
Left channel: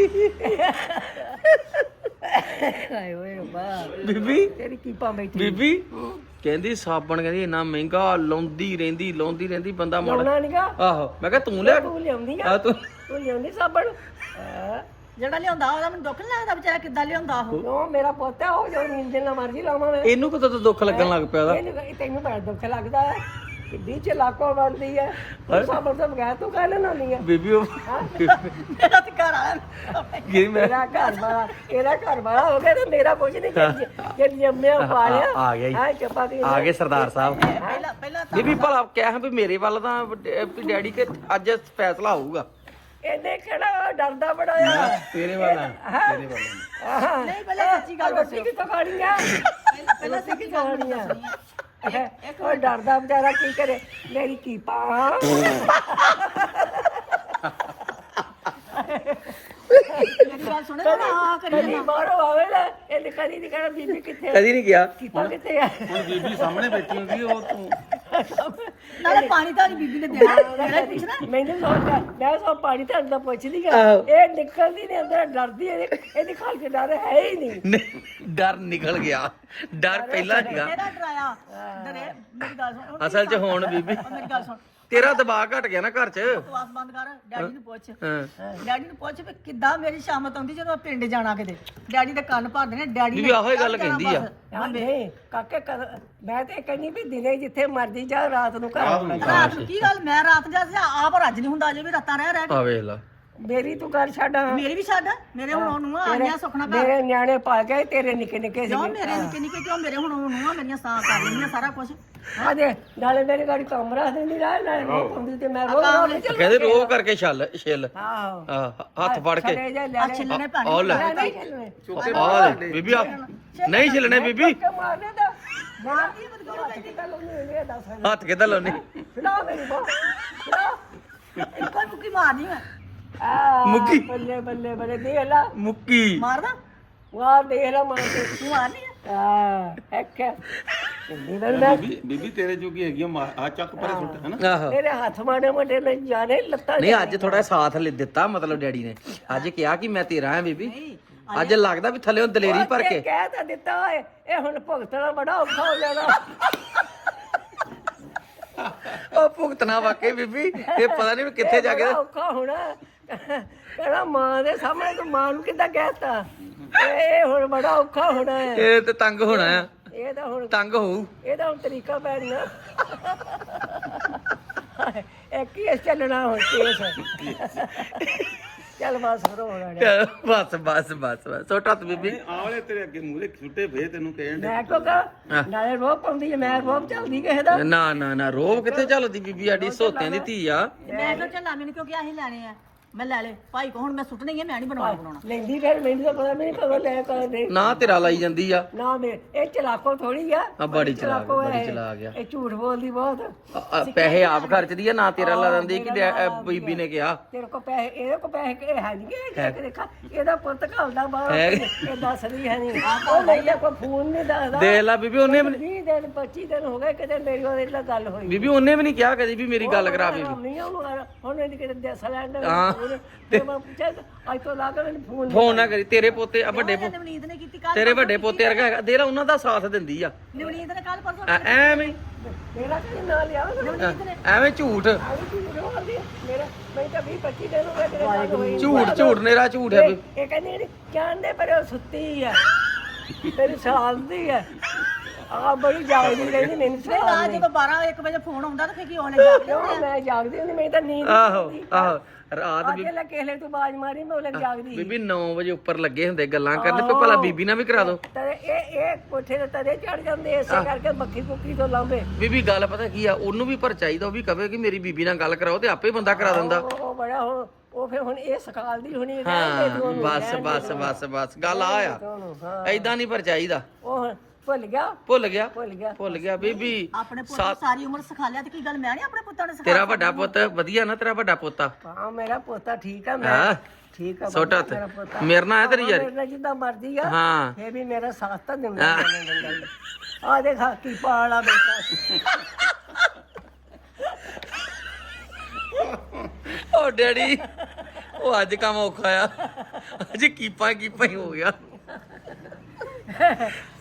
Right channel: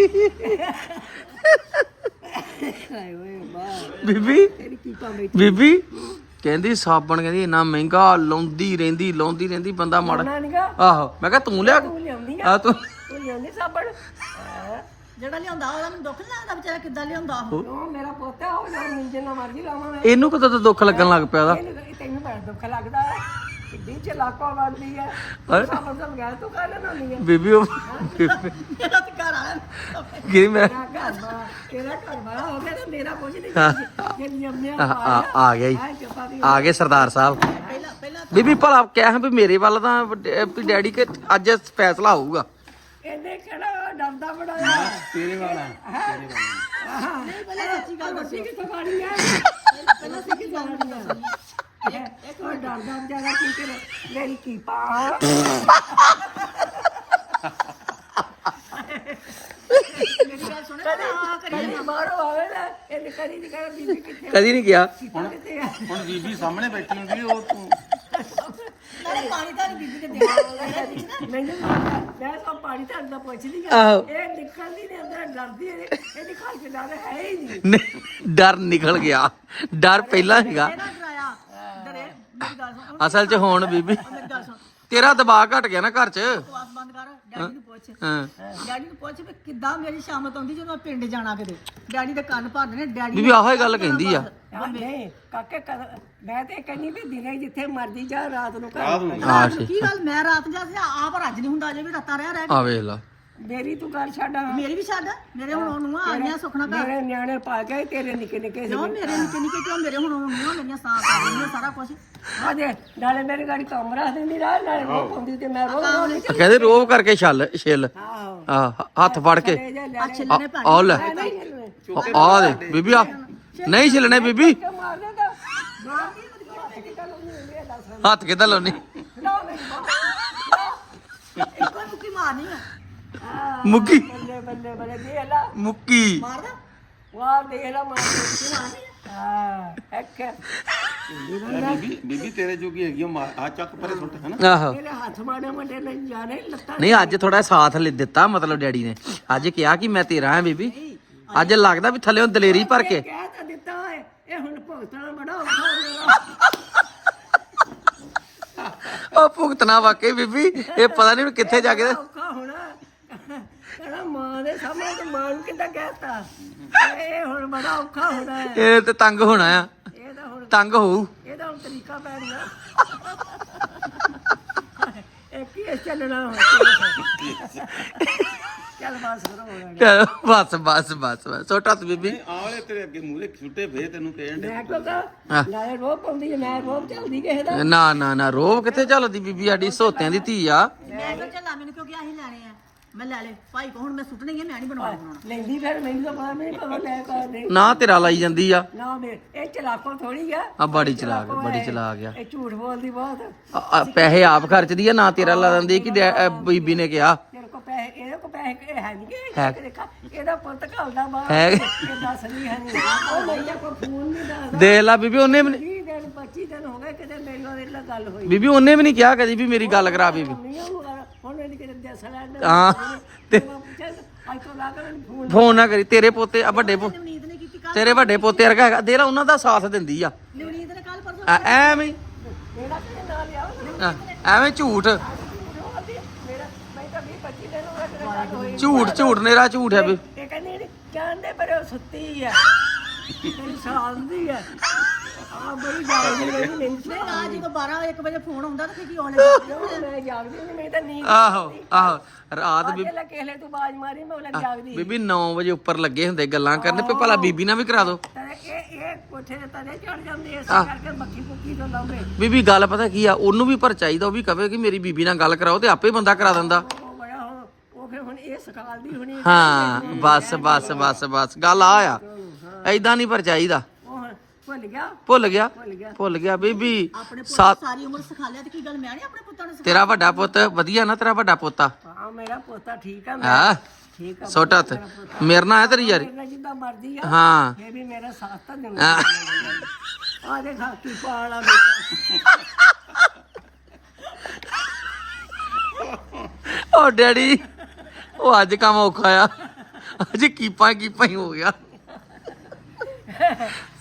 ਹਾਏ ਓਏ ਬਾ ਬੀਬੀ ਤੇਰੀ ਕੀਪਾ ਬੈਠੀ। ਬੀਬੀ ਕਹਿੰਦੀ ਸਾਬਣ ਕਹਿੰਦੀ ਇੰਨਾ ਮਹਿੰਗਾ ਲਾਉਂਦੀ ਰਹਿੰਦੀ ਲਾਉਂਦੀ ਰਹਿੰਦੀ ਬੰਦਾ ਮੜ ਲਾਉਣਾ ਨੀਗਾ? ਆਹੋ ਮੈਂ ਕਿਹਾ ਤੂੰ ਲਿਆ ਤੂੰ ਲਿਆਉਂਦੀ ਆ? ਆ ਤੂੰ ਤੂੰ ਲਿਆਉਂਦੀ ਸਾਬਣ? ਹੈਂ? ਜਿਹੜਾ ਲਿਆਉਂਦਾ ਉਹਦਾ ਮੈਨੂੰ ਦੁੱਖ ਨੀ ਲੱਗਦਾ ਵਿਚਾਰਾ ਕਿੱਦਾਂ ਲਿਆਉਂਦਾ ਉਹ? ਉਹ ਮੇਰਾ ਪੁੱਤ ਆ ਉਹ ਜੋ ਜਿੰਨਾ ਮਰਜ਼ੀ ਲਾਵਾਂ ਮੈਂ। ਇਹਨੂੰ ਕਿਤੇ ਤਾਂ ਦੁੱਖ ਲੱਗਣ ਲੱਗ ਪਿਆ ਇਹਨੂੰ ਇਹ ਤੈਨੂੰ ਬੜਾ ਦੁੱਖ ਲੱਗਦਾ ਹੈ। ਕਿੱਡੀ ਚਲਾਕੋ ਬਣਦੀ ਹੈ। ਤੂੰ ਸਾਬਣ ਤੋਂ ਬਗੈਰ ਤੂੰ ਕਹਿ ਲੈਣਾ ਨਹੀਂ ਹੈ? ਬੀਬੀ ਉਹ ਮੇਰਾ ਤੇ ਘਰ ਆ ਕੀ ਮੇਰਾ ਮੇਰਾ ਘਰ ਵਾਲਾ ਇਹਦਾ ਘਰ ਵਾਲਾ ਹੋ ਗਿਆ ਤੇ ਮੇਰਾ ਕੁਝ ਨਹੀਂ ਜੇ ਜੰਮਿਆ ਪਾਲਿਆ। ਆ- ਆ ਗਿਆ ਈ। ਹਾਂ ਦੀ ਆ ਗਏ ਸਰਦਾਰ ਸਾਹਿਬ। ਪਹਿਲਾਂ ਪਹਿਲਾਂ ਬੀਬੀ ਭਲਾ ਕਹਿ ਵੀ ਮੇਰੇ ਵੱਲ ਤਾਂ ਵੀ ਡੈਡੀ ਕਿ ਅੱਜ ਫੈਸਲਾ ਹੋਊਗਾ। ਇਹਨੇ ਕਿਹੜਾ ਡਰਦਾ ਬੜਾ ਆ ਤੇਰੇ ਵੱਲ ਤੇਰੇ ਵੱਲ ਨਹੀਂ ਪਹਿਲੇ ਸੱਚੀ ਗੱਲ ਰੋਟੀ ਕਿੱਥੋਂ ਖਾਣੀ ਆ? ਰੋਟੀ ਕਿੱਥੋਂ ਖਾਣੀ ਆ? ਉਹ ਡਰਦਾ ਵਿਚਾਰਾ ਕੀ ਕਰੇ? ਮੇਰੀ ਕੀ ਪਾ। ਮੇਰੀ ਗੱਲ ਸੁਣੇ ਨਾ ਆ ਕਰੀ ਕਦੀ ਮਾਰੋ ਆਵੇ ਨਾ ਇਹਨੇ ਕਦੀ ਨਹੀਂ ਕਹਿਣਾ ਬੀਬੀ ਕਿੱਥੇ? ਕਦੀ ਨਹੀਂ ਗਿਆ ਕੀਪਾ ਕਿੱਥੇ ਆ? ਨਾਲੇ ਪਾਣੀ ਤਾਂ ਬੀਬੀ ਨੇ ਦੇਣਾ ਮੈਨੂੰ ਲੋਕਾਂ ਮੈਂ ਸਭ ਪਾਣੀ ਤਾਂ ਅੰਦਰ ਪੁੱਛਦੀ ਆ। ਆਹੋ। ਇਹ ਨਿਕਲਦੀ ਨਹੀਂ ਅੰਦਰ ਡਰਦੀ ਹੈ ਇਹਦੀ ਖਾਲ ਕੇ ਡਰ ਹੈ ਹੀ ਨਹੀਂ। ਡਰ ਨਿਕਲ ਗਿਆ। ਡਰ ਪਹਿਲਾਂ ਸੀਗਾ। ਇਹਦਾ ਡਰਾਇਆ। ਡਰੇ ਮੇਰੀ ਗੱਲ ਸੁਣ। ਅਸਲ 'ਚ ਹੁਣ ਬੀਬੀ ਮੇਰੀ ਗੱਲ ਸੁਣ। ਤੇਰਾ ਦਬਾਅ ਘਟ ਗਿਆ ਨਾ ਘਰ 'ਚ। ਆਸ ਬੰਦ ਕਰ ਡੈਡੀ ਨੂੰ ਪੁੱਛ। ਹਾਂ। ਡੈਡੀ ਨੂੰ ਪੁੱਛ ਵੀ ਕਿੱਦਾਂ ਮੇਰੀ ਸ਼ਾਮਤ ਆਉਂਦੀ ਜਦੋਂ ਪਿੰਡ ਜਾਣਾ ਕਿਤੇ। ਡੈਡੀ ਦੇ ਕੰਨ ਭਰ ਦੇਣੇ ਡੈਡੀ ਬੀਬੀ ਆਹੋ ਹੀ ਗੱਲ ਕਹਿੰਦੀ ਆ। ਆ ਨਹੀਂ ਕਾਕੇ ਕਰ ਮੈਂ ਤੇ ਕਹਿੰਦੀ ਵੀ ਦਿਨੇ ਜਿੱਥੇ ਮਰਦੀ ਜਾ ਰਾਤ ਨੂੰ ਘਰ। ਆਉਣਾ। ਹਾਂ ਠੀਕ। ਕੀ ਗੱਲ ਮੈਂ ਰਾਤ ਜਾ ਆਪ ਰੱਜ ਨਹੀਂ ਹੁੰਦਾ ਵੀ ਰਾਤਾਂ ਰਹਿ ਰਹਿ ਆ ਵੇਖ ਲਾ। ਮੇਰੀ ਤੂੰ ਗੱਲ ਛੱਡ। ਮੇਰੀ ਵੀ ਛੱਡ। ਮੇਰੇ ਹੁਣ ਨੂੰ ਆ ਗਿਆ ਸੁਖਣਾ ਪੈ ਮੇਰੇ ਨਿਆਣੇ ਪਾ ਕੇ ਤੇਰੇ ਨਿੱਕੇ ਨਿੱਕੇ ਸੀ ਜੋ ਮੇਰੇ ਨਿੱਕੇ ਨਿੱਕੇ ਕਿਉਂ ਮੇਰੇ ਹੁਣ ਨੂੰ ਮੇਰੀਆਂ ਸਾਥ ਆ ਰਹੀਆਂ ਸਾਰਾ ਕੁਝ ਆ ਦੇ ਨਾਲੇ ਮੇਰੀ ਗਾੜੀ ਕੰਮ ਰੱਖ ਦਿੰਦੀ ਨਾਲ ਨਾਲੇ ਰੋ ਪਾਉਂਦੀ ਤੇ ਮੈਂ ਰੋ ਰੋ ਕੇ ਕਹਿੰਦੇ ਰੋਹ। ਕਰਕੇ ਛੱਲ ਛਿੱਲ। ਆਹੋ। ਆ ਹੱਥ ਫੜ ਕੇ। ਜਾ ਲੈ ਛਿੱਲਣੇ ਆ ਆ ਲੈ। ਨਹੀਂ ਆ ਦੇ ਬੀਬੀ ਆ ਨਹੀਂ ਛਿਲਣੇ ਬੀਬੀ। ਕਿ ਮਾਰਨੇ ਦਾ ਮਾਰ ਕੀ ਬਦਲ ਕਿਤਾ ਲੋਨੇ ਇਹ ਦੱਸ। ਹੱਥ ਕਿੱਦਾਂ ਲਾਉਣੀ? ਖਿਲਾ ਮੇਰੀ ਕੋਈ ਮੁੱਕੀ ਮਾਰਨੀ ਆ। ਮੁੱਕੀ। ਬੱਲੇ ਬੱਲੇ ਬੱਲੇ ਦੇ ਲਾ। ਮੁੱਕੀ। ਮਾਰਦਾ? ਵਾਹ ਦੇਖ ਲਾ ਮਾਰ ਕੇ। ਤੂੰ ਆ ਨਹੀਂ? ਆ। ਹੈਕ ਬੀਬੀ ਬੀਬੀ ਤੇਰੇ ਜੋਗੀ ਹੈਗੀ ਆ ਮਾਂ ਆ ਚੱਕ ਪਰੇ ਸੁੱਟ ਹੈ ਨਾ? ਆਹੋ। ਤੇਰੇ ਹੱਥ ਮਾੜੇ ਮੋਟੇ ਨੇ ਜਾਣੇ ਲੱਤਾਂ ਨਹੀਂ ਅੱਜ ਥੋੜਾ ਸਾਥ ਲੈ ਦਿੱਤਾ ਮਤਲਬ ਡੈਡੀ ਨੇ। ਅੱਜ ਕਿਹਾ ਕਿ ਮੈਂ ਤੇਰਾ ਹਾਂ ਬੀਬੀ। ਅੱਜ ਲੱਗਦਾ ਵੀ ਥੱਲੇੋਂ ਦਲੇਰੀ ਭਰ ਕੇ। ਕਹਿ ਤਾਂ ਦਿੱਤਾ ਓਏ ਇਹ ਹੁਣ ਭੁਗਤਣਾ ਬੜਾ ਔਖਾ ਹੋ ਜਾਣਾ। ਉਹ ਭੁਗਤਣਾ ਵਾਕਈ ਬੀਬੀ। ਇਹ ਪਤਾ ਨਹੀਂ ਵੀ ਕਿੱਥੇ ਜਾ ਕੇ ਬੜਾ ਔਖਾ ਹੋਣਾ। ਕਹਿੰਦਾ ਮਾਂ ਦੇ ਸਾਹਮਣੇ ਤੂੰ ਮਾਂ ਨੂੰ ਕਿੱਦਾਂ ਕਹਿਤਾ ਇਹ ਹੁਣ ਬੜਾ ਔਖਾ ਹੋਣਾ ਹੈ ਇਹ ਤੇ ਤੰਗ ਹੋਣਾ ਆ। ਇਹ ਤਾਂ ਹੁਣ ਤੰਗ ਹੋਊ। ਇਹਦਾ ਹੁਣ ਤਰੀਕਾ ਪੈਣਾ ਇੱਕ ਹੀ ਚੱਲਣਾ ਹੁਣ ਕੇਸ ਚੱਲ ਬਸ ਬਸ ਬਸ ਬਸ ਬਸ। ਛੋਟਾ ਤੇ ਬੀਬੀ। ਆਵਲੇ ਤੇਰੇ ਅੱਗੇ ਮੂਹਰੇ ਛੁੱਟੇ ਫੇ ਤੈਨੂੰ ਕਹਿਣ ਦੇ ਮੈਂ ਕੋ ਕਹ? ਨਾਲੇ ਰੋਹ ਪਾਉਂਦੀ ਹੈ, ਮੈਂ ਰੋਹ ਚੱਲਦੀ ਕਿਸੇ ਦਾ। ਨਾ ਨਾ ਨਾ ਰੋਬ ਕਿੱਥੇ ਚੱਲਦੀ ਬੀਬੀ? ਸਾਡੀ ਸੋਤਿਆਂ ਦੀ ਧੀ ਆ। ਮੈਂ ਕਿਹਾ ਚੱਲ? ਮੈਨੂੰ ਕਿਉਂਕਿ ਆਹੀ ਲੈਣੇ ਆ? ਮੈਂ ਲੈ ਲੈ ਭਾਈ ਕੋ ਹੁਣ ਮੈਂ ਸੁੱਟਣੇ ਹੀ ਮੈਂ ਨਹੀਂ ਬਣਾਉਣਾ ਬਣਾਉਣਾ। ਲੈਂਦੀ ਫਿਰ ਮੈਨੂੰ ਤਾਂ ਪਤਾ ਨਹੀਂ ਕਦੋਂ ਲੈ ਕੇ ਦੇ ਨਾ ਤੇਰਾ ਲਾਈ ਜਾਂਦੀ ਆ। ਨਾ ਮੇ ਇਹ ਚਲਾਕੋ ਥੋੜੀ ਆ। ਆ ਬੜੀ ਚਲਾ ਚਲਾਕੋ ਬੜੀ ਹੈ। ਚਲਾ ਗਿਆ ਇਹ ਝੂਠ ਬੋਲਦੀ ਬਹੁਤ। ਆ- ਆ ਪੈਸੇ ਆਪ ਖਰਚਦੀ ਆ ਨਾ ਤੇਰਾ ਲਾ ਦਿੰਦੀ ਕਿ ਡੈ- ਅ, ਬੀਬੀ ਨੇ ਕਿਹਾ। ਤੇਰੇ ਕੋ ਪੈਸੇ ਇਹਦੇ ਕੋ ਪੈਸੇ ਕਿਹੜੇ ਹੈ ਨਹੀਂ ਕਿ ਇਹਦਾ ਪੁੱਤ ਘਲਦਾ ਬਾਹਰ ਹੈ। ਇਹ ਦੱਸਦੀ ਹੈ ਨਹੀਂ ਉਹ ਨਹੀਂ ਤਾਂ ਕੋਈ ਫੋਨ ਨਹੀਂ ਦੱਸਦਾ। ਦੇਖ ਲਾ ਬੀਬੀ ਉਹਨੇ ਵੀ 20 ਦਿਨ 25 ਦਿਨ ਹੋ ਗਏ ਕਿਤੇ ਮੇਰੀ ਉਹਦੇ ਨਾਲ ਗੱਲ ਹੋਈ। ਬੀਬੀ ਉਹਨੇ ਵੀ ਨਹੀਂ ਕਿਹਾ ਕਦੀ ਵੀ ਮੇਰੀ ਗੱਲ ਕਰਾ ਬੀਬੀ। ਨਹੀਂ ਉਹ ਹੁਣ ਇਹਦੀ ਕਿਤੇ ਦੱਸ ਲੈਣ ਹਾਂ। ਤੇ ਮੈਂ ਪੁੱਛਿਆ ਅੱਜ ਤੋਂ ਲਾ ਕੇ ਮੈਨੂੰ ਫੋਨ ਫੋਨ ਨਾ ਕਰੀ। ਤੇਰੇ ਪੋਤੇ ਆ ਵੱਡੇ ਪੋ- ਨਵਨੀਤ ਨੇ ਕੀਤੀ ਕੱਲ ਤੇਰੇ ਵੱਡੇ ਪੋਤੇ ਵਰਗਾ ਹੈਗਾ ਦੇਰਾ ਉਹਨਾਂ ਦਾ ਸਾਥ ਦਿੰਦੀ ਆ। ਨਵਨੀਤ ਨੇ ਕੱਲ ਪਰਸੋਂ ਐ- ਐਵੇਂ ਮੇਰਾ ਕੀ ਨਾਲ ਲਿਆ? ਐ- ਐਵੇਂ ਝੂਠ। ਆਈ ਕੀ ਰੋਲਦੀ ਮੇਰਾ ਮੈਂ ਤਾਂ 20 25 ਦਿਨ ਹੋ ਗਏ ਤੇਰੇ ਗੱਲ ਹੋਈ ਝੂਠ ਝੂਠ ਨੇਰਾ ਝੂਠ ਹੈ ਵੀ। ਇਹ ਕਹਿੰਦੀ ਜਾਣਦੇ ਪਰ ਉਹ ਸੁੱਤੀ ਆ। ਤੇਰੀ ਸਾਲ ਦੀ ਆ। ਆ ਬੜੀ ਜਾਗਦੀ ਕਹਿੰਦੀ ਮੈਨੂੰ ਸਾਲ ਰਾਤ ਜਦੋਂ 12 1 ਵਜੇ ਫੋਨ ਆਉਂਦਾ ਤਾਂ ਕਿ ਉਹਨੇ ਜਾ ਕੇ ਕਿਉਂ ਮੈਂ ਜਾਗਦੀ ਹੁੰਦੀ ਮੈਂ ਤਾਂ ਨੀਂਦ ਆਹੋ ਆਹੋ ਰਾਤ ਵੀ ਅੱਗੇ ਲਾ ਕੇਲੇ ਤੂੰ ਬਾਜ ਮਾਰੀ ਮੈਂ ਉਹਲੇ ਜਾਗਦੀ ਬੀਬੀ 9 ਵਜੇ ਉੱਪਰ ਲੱਗੇ ਹੁੰਦੇ ਗੱਲਾਂ ਕਰਨ ਵੀ ਭਲਾ ਬੀਬੀ ਨਾਲ ਵੀ ਕਰਾ ਦੋ। ਤਦੇ ਇਹ ਇਹ ਕੋਠੇ ਦੇ ਤਦੇ ਚੜ ਜਾਂਦੇ ਇਸੇ ਕਰਕੇ ਬੱਖੀ ਪੁੱਕੀ ਤੋਂ ਲਾਉਂਦੇ ਬੀਬੀ ਗੱਲ ਪਤਾ ਕੀ ਆ ਉਹਨੂੰ ਵੀ ਪਰ ਚਾਹੀਦਾ ਉਹ ਵੀ ਕਵੇ ਕਿ ਮੇਰੀ ਬੀਬੀ ਨਾਲ ਗੱਲ ਕਰਾਓ ਤੇ ਆਪੇ ਬੰਦਾ ਕਰਾ ਦਿੰਦਾ। ਉਹ ਉਹ ਬੜਾ ਹੁਣ ਉਹ ਫਿਰ ਹੁਣ ਇਹ ਸਕਾਲਦੀ ਹੋਣੀ ਇਹਦੇ ਹਾਂ ਬਸ ਬਸ ਬਸ ਬਸ ਗੱਲ ਆ। ਆ ਐਦਾਂ ਨਹੀਂ ਪਰ ਚਾਹੀਦਾ। ਭੁੱਲ ਗਿਆ? ਭੁੱਲ ਗਿਆ। ਭੁੱਲ ਗਿਆ। ਭੁੱਲ ਗਿਆ ਬੀਬੀ। ਆਪਣੇ ਪੁੱਤ ਸਾ- ਸਾਰੀ ਉਮਰ ਸਿਖਾ ਲਿਆ ਤੇ ਕੀ ਗੱਲ ਮੈਂ ਨਹੀਂ ਆਪਣੇ ਪੁੱਤਾਂ ਨੂੰ ਸਿਖਾ ਤੇਰਾ ਵੱਡਾ ਪੁੱਤ ਵਧੀਆ ਨਾ ਤੇਰਾ ਵੱਡਾ ਪੋਤਾ? ਹਾਂ ਮੇਰਾ ਪੋਤਾ ਠੀਕ ਆ ਮੈਂ ਹਾਂ। ਠੀਕ ਆ ਛੋਟਾ ਹੱਥ। ਮੇਰੇ ਨਾਲ ਹੈ ਤੇਰੀ ਯਾਰੀ? ਮੇਰੇ ਜਿੱਦਾਂ ਮਰਜ਼ੀ ਆ। ਹਾਂ। ਇਹ ਵੀ ਮੇਰਾ ਸਾਥ ਤਾਂ ਦਿੰਦਾ ਆ ਦੇਖ ਕੀ ਪਾਲਾ ਬੇਟਾ। ਓ ਡੈਡੀ ਉਹ ਅੱਜ ਕੰਮ ਔਖਾ ਆ। ਅੱਜ ਕੀਪਾ ਕੀਪਾ ਹੀ ਹੋ ਗਿਆ।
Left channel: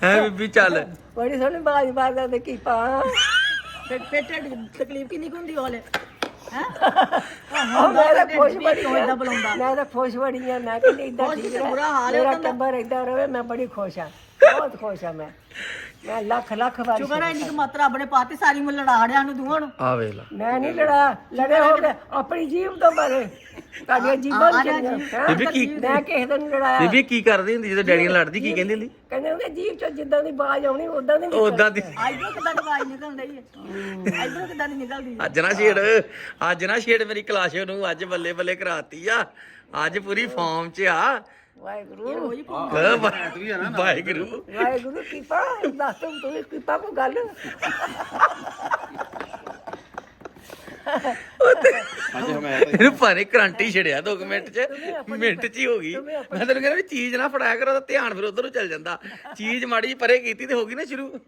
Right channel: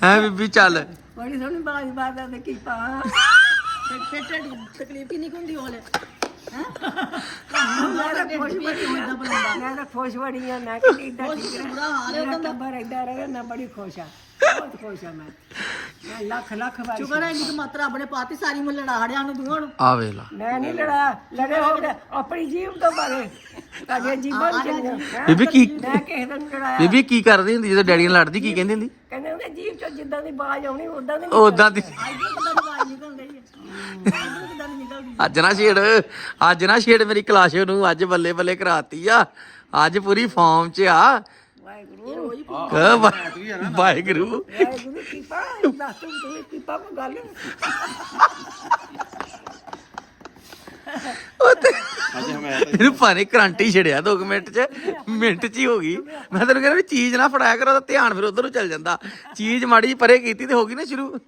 ਹੈ ਬੀਬੀ ਚੱਲ। ਬੜੀ ਸੋਹਣੀ ਬਾਜ ਮਾਰਦਾ ਤੇ ਕੀ ਪਾ। ਢਿੱਡ ਦੀ ਤਕਲੀਫ ਕਿੰਨੀ ਕੁ ਹੁੰਦੀ ਉਹਲੇ ਮੈਂ ਤਾਂ ਖੁਸ਼ ਬੜੀ ਆ ਮੈਂ ਤਾਂ ਖੁਸ਼ ਬੜੀ ਆ ਮੈਂ ਕਹਿੰਦੀ ਇਦਾਂ ਠੀਕ ਰਹੇ। ਮੇਰਾ ਟੱਬਰ ਏਦਾਂ ਰਵੇ ਮੈਂ ਬੜੀ ਖੁਸ਼ ਆ ਬਹੁਤ ਖੁਸ਼ ਆ ਮੈਂ। ਮੈਂ ਲੱਖ ਲੱਖ ਵਾਰ ਸ਼ੁਕਰ ਹੈ ਇੰਨੀ ਕੁ ਮਾਤਰਾ ਆਪਣੇ ਪਾਤੀ ਸਾਰੀ ਉਮਰ ਲੜਾ ਰਿਆ ਨੂੰ ਦੋਵਾਂ ਨੂੰ ਆ ਵੇਖ ਲਾ। ਮੈਂ ਨਹੀਂ ਲੜਾ ਲੜੇ ਹੋ ਗਏ ਆਪਣੀ ਜੀਵ ਤੋਂ ਬਾਰੇ ਤੁਹਾਡੀਆਂ ਜੀਵਾਂ ਨੂੰ ਚੰਗੀਆਂ। ਬੀਬੀ ਕੀ ਮੈਂ ਕਿਸੇ ਦਿਨ ਲੜਾਇਆ। ਬੀਬੀ ਕੀ ਕਰਦੀ ਹੁੰਦੀ ਜਦੋਂ ਡੈਡੀ ਨਾਲ ਲੜਦੀ ਕੀ ਕਹਿੰਦੀ ਹੁੰਦੀ? ਕਹਿੰਦੇ ਹੁੰਦੇ ਜੀਵ ਚੋਂ ਜਿੱਦਾਂ ਦੀ ਬਾਜ ਆਉਣੀ ਉਦਾਂ ਦੀ ਉਦਾਂ ਦੀ। ਆਈਦੋਂ ਕਿੱਦਾਂ ਦੀ ਆਵਾਜ਼ ਨਿਕਲ ਰਹੀ ਹੈ ਆਈਦੋਂ ਕਿੱਦਾਂ ਦੀ ਨਿਕਲਦੀ ਅੱਜ ਨਾ ਛੇੜ ਅੱਜ ਨਾ ਛੇੜ ਮੇਰੀ ਕਲਾਸ਼ ਨੂੰ ਅੱਜ ਬੱਲੇ ਬੱਲੇ ਕਰਾਤੀ ਆ। ਅੱਜ ਪੂਰੀ ਫਾਰਮ 'ਚ ਆ। ਵਾਹਿਗੁਰੂ। ਕਹ ਵਾਹਿਗੁਰੂ। ਵਾਹਿਗੁਰੂ ਕੀਪਾ ਦੱਸ ਤੂੰ ਤੂੰ ਕੀਪਾ ਕੋ ਗੱਲ। ਅੱਜ ਹਮੇ ਇਹਨੂੰ ਭਾਵੇਂ ਕਰੰਟ ਹੀ ਛੜਿਆ 2 ਮਿੰਟ 'ਚ ਮਿੰਟ 'ਚ ਹੀ ਹੋ ਗਈ। ਮੈਂ ਤੈਨੂੰ ਕਹਿੰਦਾ ਵੀ ਚੀਜ਼ ਨਾ ਫੜਾਇਆ ਕਰੋ ਤਾਂ ਧਿਆਨ ਫਿਰ ਉਧਰ ਨੂੰ ਚੱਲ ਜਾਂਦਾ। ਚੀਜ਼ ਮਾੜੀ ਜਿਹੀ ਪਰੇ ਕੀਤੀ ਤੇ ਹੋ ਗਈ ਨਾ ਸ਼ੁਰੂ।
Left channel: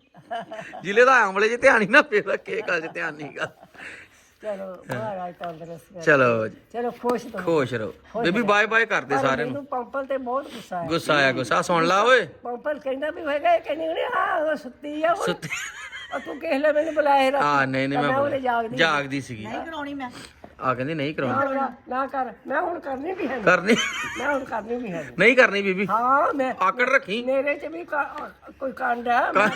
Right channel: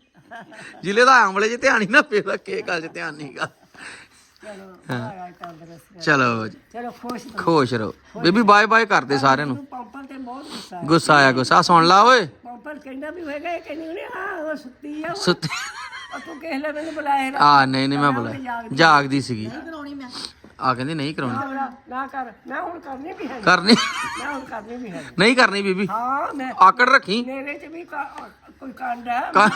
ਜ਼ਿਲ੍ਹੇ ਦਾ ਆਮਲੇ 'ਚ ਧਿਆਨ ਹੀ ਨਾ ਫੇਰ ਕੇ ਗੱਲ 'ਚ ਧਿਆਨ ਨਹੀਂਗਾ ਚਲੋ ਮਹਾਰਾਜ ਤੰਦਰੁਸਤ ਚਲੋ ਜੀ ਚਲੋ ਖੁਸ਼ ਰਹੋ। ਖੁਸ਼ ਰਹੋ। ਬੀਬੀ ਬਾਏ ਬਾਏ ਕਰਦੇ ਸਾਰਿਆਂ ਨੂੰ। ਮੈਨੂੰ ਪੰਪਲ ਤੇ ਬਹੁਤ ਗੁੱਸਾ ਹੈ ਗੁੱਸਾ ਆਇਆ ਗੁੱਸਾ। ਸੁਣ ਲਾ ਓਏ। ਪੰਪਲ ਕਹਿੰਦਾ ਵੀ ਹੈਗਾ ਇਹ ਕਹਿੰਦੀ ਨੇ ਆ ਸੁੱਤੀ ਆ ਉਹ। ਸੁੱਤ। ਉਹ ਤੂੰ ਕਿਸ ਲਈ ਮੈਨੂੰ ਬੁਲਾਇਆ ਆ ਨਹੀਂ ਨਹੀਂ ਮੈਂ ਉਹਨੇ ਬੋਲਿਆ ਜਾਗਦੀ। ਜਾਗਦੀ ਸੀਗੀ। ਨਹੀਂ ਕਰਾਉਣੀ ਮੈਂ। ਆ ਕਹਿੰਦੀ ਨਹੀਂ ਕਰਾਉਣੀ। ਨਾ ਨਾ ਕਰ। ਮੈਂ ਹੁਣ ਕਰਨੀ ਵੀ ਹੈ ਕਰਨੀ। ਮੈਂ ਹੁਣ ਕਰਨੀ ਵੀ ਹੈ ਨਹੀਂ ਕਰਨੀ ਬੀਬੀ। ਹਾਂ ਮੈਂ ਆਕੜ ਰੱਖੀ। ਮੇਰੇ ਚ ਵੀ ਕਾ- ਕੋਈ ਕੰਡ ਹੈ। ਮੈਂ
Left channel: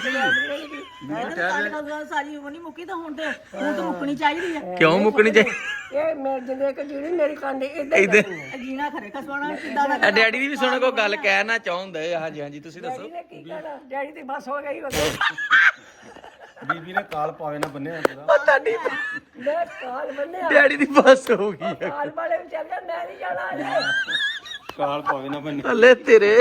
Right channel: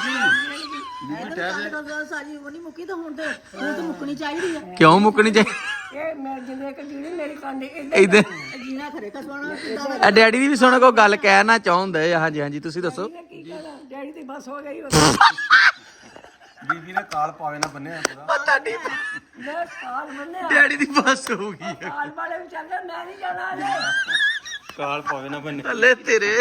ਸਾਰੀ ਉਮਰ ਨਹੀਂ ਮੁੱਕੀ ਤਾਂ ਹੁਣ ਤੇ ਹੁਣ ਤਾਂ ਮੁੱਕਣੀ ਚਾਹੀਦੀ ਆ ਕਿਉਂ ਮੁੱਕਣੀ ਚਾਹੀਦੀ ਇਹ ਮੈਂ ਜਿੰਨੇ ਕਿ ਜਿਹੜੀ ਮੇਰੀ ਕੰਡ ਇਦਾਂ ਜੀਣਾ ਖਰੇ ਕਸਵਾਣਾ ਕਿੱਦਾਂ ਦਾ ਆ ਡੈਡੀ ਦੀ ਵੀ ਸੁਣ ਕੋ ਗੱਲ ਕਹਿਣਾ ਚਾਹੁੰਦੇ ਆ ਹਾਂਜੀ ਹਾਂਜੀ ਤੁਸੀਂ ਦੱਸੋ। ਡੈਡੀ ਤੇ ਬਸ ਹੋ ਗਈ ਬੀਬੀ ਨੇ ਕਾਲ ਪਾਵੇ ਨਾ ਬੰਨਿਆ ਪੂਰਾ। ਤੁਹਾਡੀ ਮੈਂ ਕਾਲ ਬੰਨਿਆ। ਡੈਡੀ ਦੀ ਬੱਸ ਹੋ ਗਈ ਹੈ ਕਾਲ ਵਾਲੇ ਵੀ ਚੱਲਦੇ ਮੈਂ ਨਹੀਂ ਜਾਣਾ ਅਜੇ। ਕਾਲ ਪਾਵੇ ਨਾ ਬੰਨੇ ਥੱਲੇ ਤੇਰੇ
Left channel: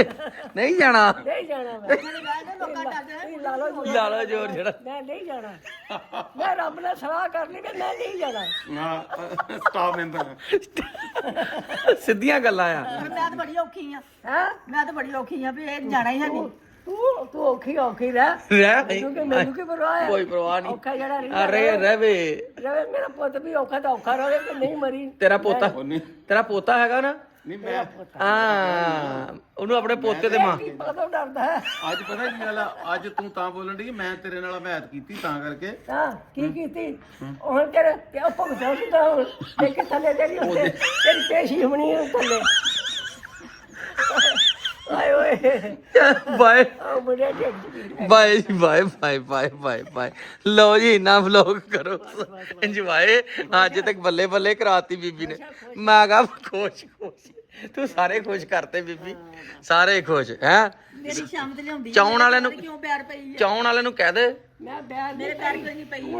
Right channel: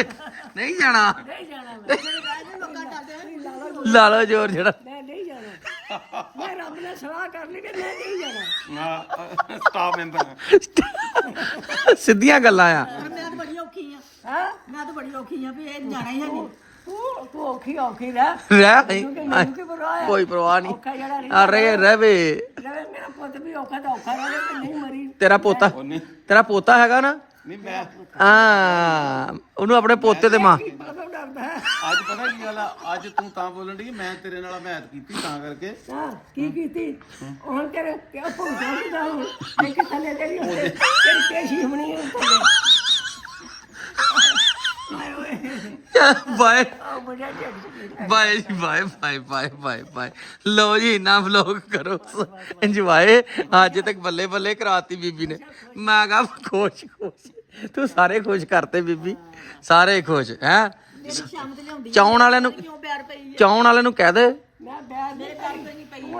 ਨਹੀਂ ਜਾਣਾ। ਨਹੀਂ ਜਾਣਾ ਮੈਂ। ਤੁਸੀਂ ਲਾ ਲਓ ਜੀ। ਲਾ ਲਓ ਜੋਰ ਜਿਹੜਾ। ਮੈਂ ਨਹੀਂ ਜਾਣਾ। ਮੈਂ ਰੱਬ ਨਾਲ ਸਲਾਹ ਕਰ ਲਈ ਕਿ ਮੈਂ ਨਹੀਂ ਜਾਣਾ। ਹਾਂ ਸਟਾਫ ਮੈਂਬਰ। ਸਿੱਧੀਆਂ ਗੱਲਾਂ ਆ। ਮੈਂ ਤਾਂ ਬੜੀ ਔਖੀ ਆ। ਹੈ? ਮੈਂ ਤਾਂ ਬੜੀ ਔਖੀ ਆ ਵੀ ਇਹ ਜਾਣਾ ਹੀ ਹੈ ਨਹੀਂ ਤੂੰ ਤੂੰ ਔਖੀ ਔਖੀ ਰਹਿ। ਰਹਿ ਨਹੀਂ ਕਿਉਂਕਿ ਮੈਨੂੰ ਕੀ ਪਰਵਾਹ ਹੈ? ਕੋਈ ਪਰਵਾਹ ਨਹੀਂ। ਔਖਾ ਜਿਹੜਾ ਨਹੀਂ ਅਰੇ ਰਵੇ। ਰਵੇ ਮੇਰਾ ਪੁੱਤ ਵੀ ਔਖਾ ਤਾਂ ਔਖਾ ਰਹੇ ਕਿ ਨਹੀਂ ਮਰੀ। ਤੇਰਾ ਪੋਤਾ ਉਹ ਨਹੀਂ ਤੇਰਾ ਪੋਤਾ ਹੈਗਾ ਨਾ? ਨਹੀਂ ਮੈਂ ਹਾਂ ਉਹਨੂੰ ਆਪਣੇ ਪੋਤੇ ਤੇ ਮਾਂ। ਪਤਾ ਡਰਦਾ ਹੈ? ਅੱਜ ਪਤਾ ਕੀ ਗੱਲ ਆ ਅੱਜ ਤੂੰ ਤਾਂ ਬੋਲਣ ਦੀ ਮੈਂ ਤੇਰੇ ਨਾਲ ਮੈਚ ਕੀਤੀ ਤਾਂ ਕਰਕੇ। ਹਾਂ ਕੀ ਕੀਤੀ? ਹੁਣ ਤੇਰਾ ਕਿਉਂ ਭੁਗਤਾਂ ਕਿਦਾ ਹੁਣ। ਤੇ ਕਿ ਥੱਲੇ ਜਿਹੜੀ ਤੇਰੀ ਪੇਸ਼ੀ ਹੋਣੀ ਹੈ ਥੱਲੇ। ਆਏ ਓਏ। ਬਾਏ। ਆ ਬੜਾ ਢਿੱਡ ਬਾਏ ਜੀ bye bye bye bye bye. ਲਓ ਜੀ ਇੰਨਾ ਵਲੌਗ ਕਰੋ। ਇੰਜੋਏ ਅੱਜ ਤੱਕ ਬੱਲੇ ਬੱਲੇ ਕਰਾਤੀ ਬੀਬੀ ਨੇ। ਮੈਂ ਕਹਾ ਖੁਸ਼ ਖੁਸ਼। ਤੂੰ ਸਾਰੇ ਖੁਸ਼ ਕਰਤੇ ਬੀਬੀ। ਸਾਰੇ ਖੁਸ਼ ਹੈ? ਮੇਰੀ ਸ਼ਾਮ ਤੇ ਲਿਆਉਂਦੀ ਚਾਉਣ ਵਾਲਿਆਂ ਨੂੰ ਕਿਉਂ ਪਿਆਰ ਪਈ ਆ? ਚਾਉਣ ਵਾਲਿਆਂ ਨੂੰ ਕਹਿ ਦੇ। ਮੈਂ ਬੈਠ ਮੇਰੇ ਪੈਰ ਕਿਉਂ ਨਹੀਂ ਪਈ।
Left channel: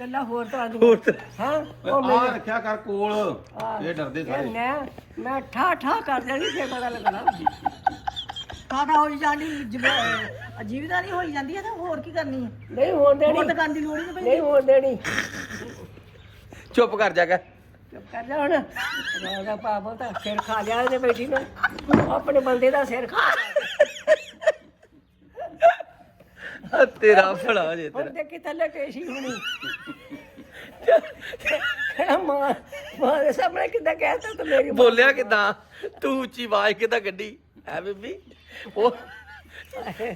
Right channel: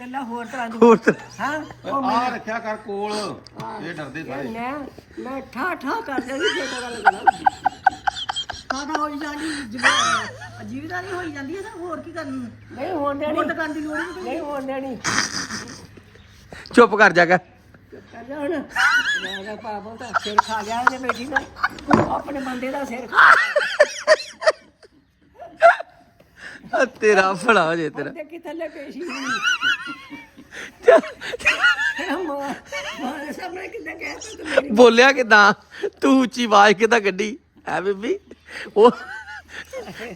ਗੱਲਾਂ ਹੋਰ ਤਰ੍ਹਾਂ ਦੀਆਂ ਹੋਰ ਤਾਂ- ਹਾਂ? ਉਹ ਆ ਰੱਖਿਆ ਕਰ ਕੋਲ। ਇਹ ਡਰਦੇ ਸਾਰੇ। ਮੈਂ ਮੈਂ ਠਾ ਠਾ ਕਰ ਜਾਣੀ ਜੇ ਪਤਾ ਲੱਗਣਾ ਖਾਣਾ ਹੋਈ ਜਾਂਦੀ ਜੀਵ- ਜੀਵਦਾਰੀ ਹੋਈ ਜਾਂਦੀ ਹੈ ਤਾਂ ਹੋਰ ਕੀ ਕਰਨੀ ਹੈ ਨਹੀਂ ਹੋਣ ਦੇਣੀ। ਹੋਰ ਤਾਂ ਕਰਨ ਦੀ ਲੋੜ ਹੀ ਨਹੀਂ ਨਹੀਂ ਹੋਣ ਦੇਣੀ। ਚੁੱਪ ਕਰ ਜਾ ਕੇ। ਚੁੱਪ ਕਰ ਜਾ ਹੁਣ। ਮੇਰਾ ਪਾਪਾ ਤਾਂ ਸਿਰ ਖਾ ਲਿਆ ਇਹਨੇ ਬੈਠੀ ਨੇ। ਆਪਣੇ ਬੰਦੇ ਦਾ ਸਿਰ ਖਾ ਆ ਤੇਰਾ ਹੋ ਜੇ ਤੇਰਾ। ਹੁਣ ਦੇਖੀ ਥੱਲੇ ਪੇਸ਼ੀ ਹੋਣੀ। ਮਾਂ ਮਾਂ ਦੇ ਸਾਹਮਣੇ ਕਿੱਦਾਂ ਕਹਿਤਾ ਤੂੰ ਮੇਰੀ ਬੋਲਿਆ ਕਿਦਾਂ? ਤੂੰ ਉੱਚੀ ਆਵਾਜ਼ ਕਿਦਾਂ ਕੱਢੀ? ਹੈ ਬੀਬੀ? ਉਹ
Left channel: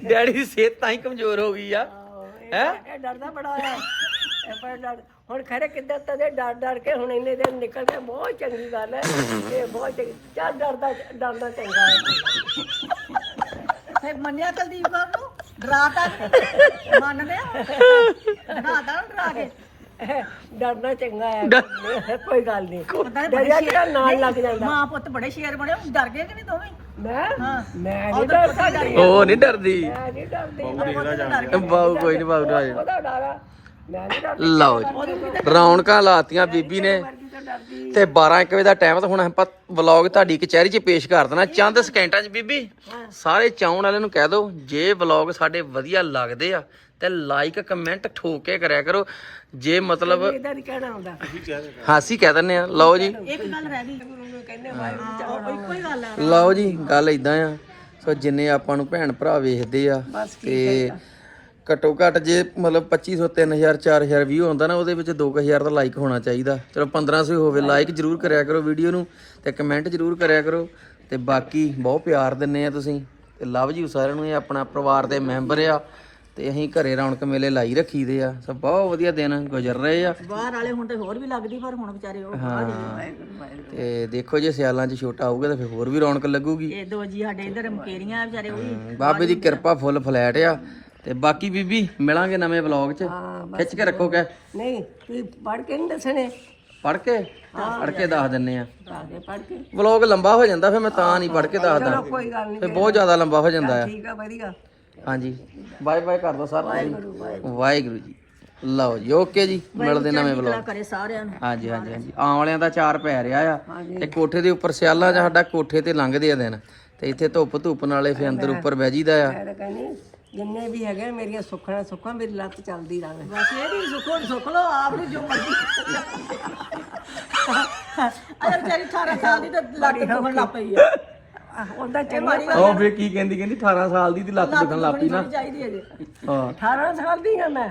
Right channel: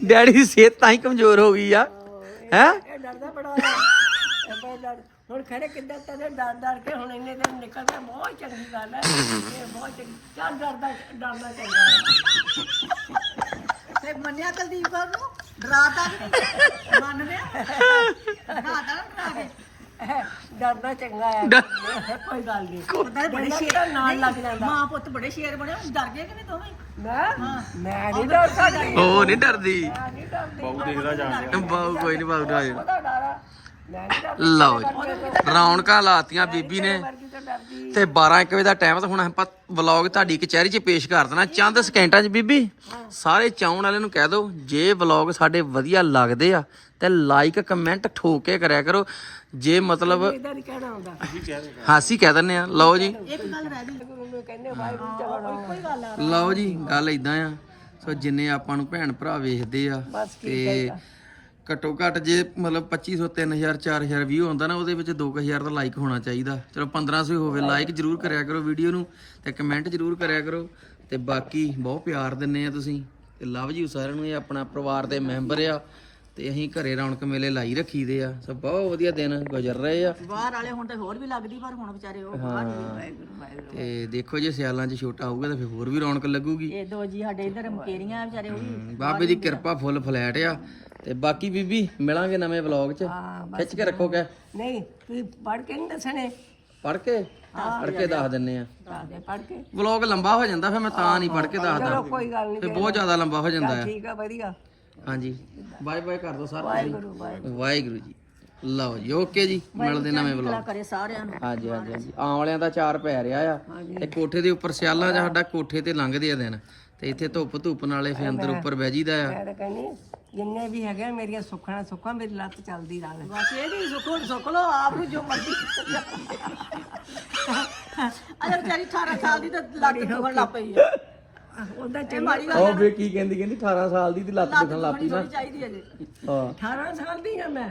ਡੈਡੀ ਦੀ ਸਿਹਤ ਤਾਂ ਹੀ ਕਮਜ਼ੋਰ ਹੋ ਗਈ ਆ। ਹੈ ਡਰਦਾ ਬੜਾ ਹੈ ਹੁਣ ਖਰੇ ਕਿੱਦਾਂ ਤਦੇ ਡਰ ਡਰ ਕੇ ਹੁਣ ਇੰਨੇ ਦਿਨ ਨਿਕਲ ਗਿਆ ਬਹੁਤ ਚੰਗੀ ਗੱਲ ਹੈ। ਇਹ ਬਹੁਤ ਚੰਗੀ। ਚੱਲ ਡਰਦਾ ਡਰਦਾ ਚੰਗਾ ਹੈ। ਮੰਨਿਆ ਕੁਲਦੀਪ ਬਾਬੂ ਡਰਾਤਾ ਮੰਨਦੇ ਆ? ਡਰਾਤਾ ਨਾ ਡਰਾ ਕੇ। ਡਰਨਾ ਚੰਗਾ ਹੈ। ਕੋਈ ਗੱਲ ਨਹੀਂ। ਡਰਿਆ ਕਿਹੜਾ ਨਾਲ ਲੱਗ ਜਾਂਦਾ? ਮਾਂ ਪੁੱਤ ਬੜੇ ਸ਼ੇਰ ਬਣੇ ਹੁਣ ਡਰ ਗਏ ਕਿ ਨਹੀਂ ਦੋਵੇਂ? ਮੈਂ ਮੈਂ ਨਹੀਂ ਡਰ ਸਕਦੀ ਉਹ ਨਹੀਂ ਡਰਦੀ। ਮੈਂ ਨਹੀਂ ਡਰਦੀ ਮੈਂ ਬਾਉ ਕੋਈ ਨਹੀਂ ਬਾਉ ਡਰ ਉਹਦਾ ਲਓ ਜੀ। ਰੌਣਕਾਂ ਲਾਤੀਆਂ ਬੀਬੀ ਨੇ। ਤਾਂ ਡਰਦੀ ਤੇ 12 1 ਵਜੇ ਦਾ ਟਾਈਮ ਤਾਂ ਹੁਣ ਆਪਾਂ ਵਲੌਗ ਤੁਹਾਡੀ ਕਚਹਿਰੀ 'ਚ ਪੇਸ਼ ਕਰ ਦੇਣਾ। ਚੰਦ ਸਕਿੰਟਾਂ 'ਚ ਬੀਬੀ ਸਾਰੇ ਚਾਉਣ ਵਾਲਿਆਂ ਨੂੰ ਕਹਿ ਦਿਓ ਜੇ ਵਲੌਗ ਸਾਡੇ ਵਧੀਆ ਲੱਗਦੇ ਆ ਤੇ ਲਾਈਕ ਕਮੈਂਟ ਠੋਕ ਕੇ ਕਰਿਆ ਕਰੋ। ਜੇ ਮਤਲਬ ਇਦਾਂ ਨਹੀਂ ਕਹਿਣਾ ਹੁੰਦਾ ਹਾਸੀ ਕਹਿ ਦਿੰਨੇ ਆ। ਲਓ ਜੀ। ਇੱਕ ਗੱਲ ਰਹਿ ਗਈ। ਕਹਿੰਦੇ ਵਾਹਿਗੁਰੂ ਚਲੋ ਇੱਕੋ ਹੀ ਗੱਲ ਆ ਲਓ ਜੀ ਗੱਲ ਇਦਾਂ ਆ। ਸੋ ਜਿੰਨੇ ਆਪਾਂ ਨੂੰ ਭੈਣ ਭਰਾ ਵੇਖਦੇ ਆ ਤੇ ਘੱਟੋ ਘੱਟ ਜੇ ਮਤਲਬ 2500 3000 4000 ਵਿਊ ਹੁੰਦਾ ਨਾ ਉਹਦੇ ਵਿੱਚ 2000 ਦਾ ਲਾਈਕ ਹੋਣਾ ਚਾਹੀਦਾ। ਚਲੋ 1500 ਹੋਵੇ ਲਾਈਕ ਜਰੂਰ ਕਰਿਆ ਕਰੋ ਵੀਡੀਓ ਨੂੰ ਤੇ ਕਮੈਂਟ ਜਰੂਰ ਕਰਿਆ ਕਰੋ। ਤੇ ਬਾਕੀ ਬਹੁਤ ਪਿਆਰ ਦਿੰਨੇ ਆ ਤੁਸੀਂ ਤੇ ਲਵ ਯੂ ਸਾਰਿਆਂ ਨੂੰ ਇਹ ਆਪਣਾ ਪਰਿਵਾਰ ਦੇ ਮੈਂਬਰ ਆ ਤੇ ਅਸੀਂ ਘਰੇ ਰੌਣਕ ਮੇਲੇ ਲਾਈ ਰੱਖੀਦੇ ਆ। ਸੋ ਬਹੁਤ ਵਧੀਆ ਦਿਨ ਗੁਜ਼ਰ ਰਹੇ ਆ। ਬਾਹਰ ਵਾਲੇ ਹੁਣ ਤੇ ਹੋਰ ਵੀ ਲੱਗਦੀ ਪਰ ਹੁਣ ਵਿਚਾਰੇ ਉਹ ਬਾਹਰ ਹੀ ਤੇ ਦੇਖੋ ਜੇ ਸਿਆਲਾਂ 'ਚ ਛੋਟਾ ਆਊਗਾ ਤਾਂ ਫਿਰ ਹੋਰ ਵੀ ਰੌਣਕ ਲੱਗੂਗੀ। ਇਹ ਦੋ ਜੀ ਸਾਡੇ ਇਧਰ ਮਕੇਰੀਆਂ ਵਿਚਾਰੇ ਉਹ ਵੀ ਬਾਬੇ ਦੀ ਕਿਰਪਾ ਫੁੱਲ ਫਲੈਟ ਆ। ਤੇ ਬਾਕੀ ਬੀਬੀ ਮਿਲਾਂਗੇ ਨਵੇਂ ਵਲੌਗ 'ਚ। ਖਿੱਚ ਕੇ ਰੱਖੋ ਕੈ ਨਹੀਂ ਤੂੰ ਪੜ ਕੇ ਨਹੀਂ ਦੱਸਣੇ? ਪੜ ਕੇ? ਪੜ ਕੇ ਦੱਸ ਦਿੰਨੇ ਆ। ਪੜ ਕੇ। ਵਲੌਗ ਲੰਬਾ ਹੋ ਜਾਂਦਾ ਫਿਰ ਮੈਂ ਤਾਂ ਨਹੀਂ ਪੜ ਕੇ ਦੱਸਦਾ। ਕੋਈ ਗੱਲ ਨਹੀਂ ਫਿਰ ਬਹੁਤ ਜ਼ਿਆਦਾ ਲੰਬਾ ਹੋ ਜਾਂਦਾ ਆ। ਠੀਕ ਆ ਵਧੀਆ। ਹਾਂਜੀ। ਬਾਏ ਬਾਏ ਕਰ ਦੋ ਸਰ ਵਾਹਿਗੁਰੂ ਜੀ। ਲਓ ਜੀ ਓਕੇ ਜੀ। ਮਿਲਦੇ ਨਵੇਂ ਵਲੌਗ ਕਰੇ ਸਾਰਿਆਂ ਨੂੰ। ਹਾਂਜੀ ਹਾਂਜੀ ਹਾਂਜੀ। ਆਉਣ ਵਾਲਿਆਂ ਦਾ ਚਾਰ ਪੈ ਰਿਹਾ ਆ। ਤੇ ਕੋਠੇ ਦੇ ਉੱਪਰ ਸਿਆਲਾਂ 'ਚ ਸਾਡਾ ਕੋਠੇ ਤੇ ਲੰਘਦੇ ਆ ਦਿਨ। ਤੇ ਇੱਥੇ ਧੁੱਪ ਧੁੱਪ ਨਾਲੇ ਫੇ ਅੰਦਰ ਉੱਪਰ ਬਹਿ ਜੀਦਾ ਆ। ਮੈਂ ਤਾਂ ਕਹਿੰਦੀ ਜਿੰਨੇ ਵੀ ਹੈਗੇ ਮੇਰੀਆਂ ਸੁੱਖਾਂ ਸੁੱਖਾਂ ਮੇਰੀ ਲੱਤ ਚੱਲਦੀ ਰਹੇ। ਬਸ ਇਹਦੀ ਸੁੱਕੋ ਸੁੱਕ ਲੋ ਆਪ ਨੂੰ ਜੋ ਮਰਜ਼ੀ। ਅਗਰ ਵਿਚਾਰੀ 18 ਸਾਲ ਦੀ ਤੇ ਲੱਤ ਦੁਖਣ ਲੱਗ ਪਈ ਆ। ਉਹਦਾ ਇਹ ਮਾੜੀ ਗੱਲ ਉਹ ਫੇ ਕੀ ਕਹਿੰਦੀ ਕਹਿੰਦੀ 18 ਸਾਲ ਦੀ ਤੇ ਲੱਤ ਲੱਤ ਦੁਖਣੀ ਥੋੜੀ ਚਾਹੀਦੀ ਹੈ ਜੇ ਹਾਂ। 18 ਸਾਲ ਦੀ ਹਾਂ ਮੈਂ।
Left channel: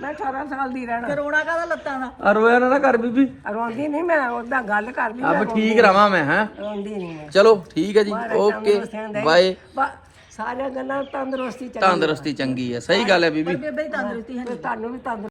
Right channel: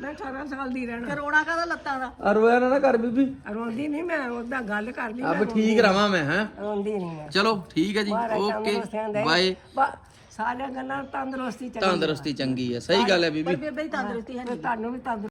ਮੈਂ 18 ਸਾਲ ਦੀ ਰਹਿਣਾ। ਕਰੋਨਾ ਕਾਹਦਾ ਲੱਤਾਂ ਦਾ? ਆ ਰੋਇਆ ਨਾ ਨਾ ਕਰ ਬੀਬੀ। ਰੋਂਦੀ ਨਹੀਂ ਮੈਂ ਉਹਦਾ ਗੱਲ ਕਰਦੀ ਆ ਮੈਂ। ਵੀ ਠੀਕ ਰਵਾਂ ਮੈਂ ਹਾਂ। ਰੋਂਦੀ ਨਹੀਂ ਮੈਂ। ਚਲੋ ਠੀਕ ਹੈ ਜੀ। ਓਕੇ। ਬਾਏ। ਸਾਰੀਆਂ ਗੱਲਾਂ ਤੰਦਰੁਸਤੀ ਚੱਲ ਤੰਦਰੁਸਤੀ ਚੰਗੀ ਹੈ ਸਹੀ ਗੱਲ ਹੈ ਬੀਬੀ। ਬੇਬੇ ਹੀ ਤੰਦਰੁਸਤੀ ਹੈ ਤੁਹਾਨੂੰ ਵੀ ਤੰਦਰੁਸਤੀ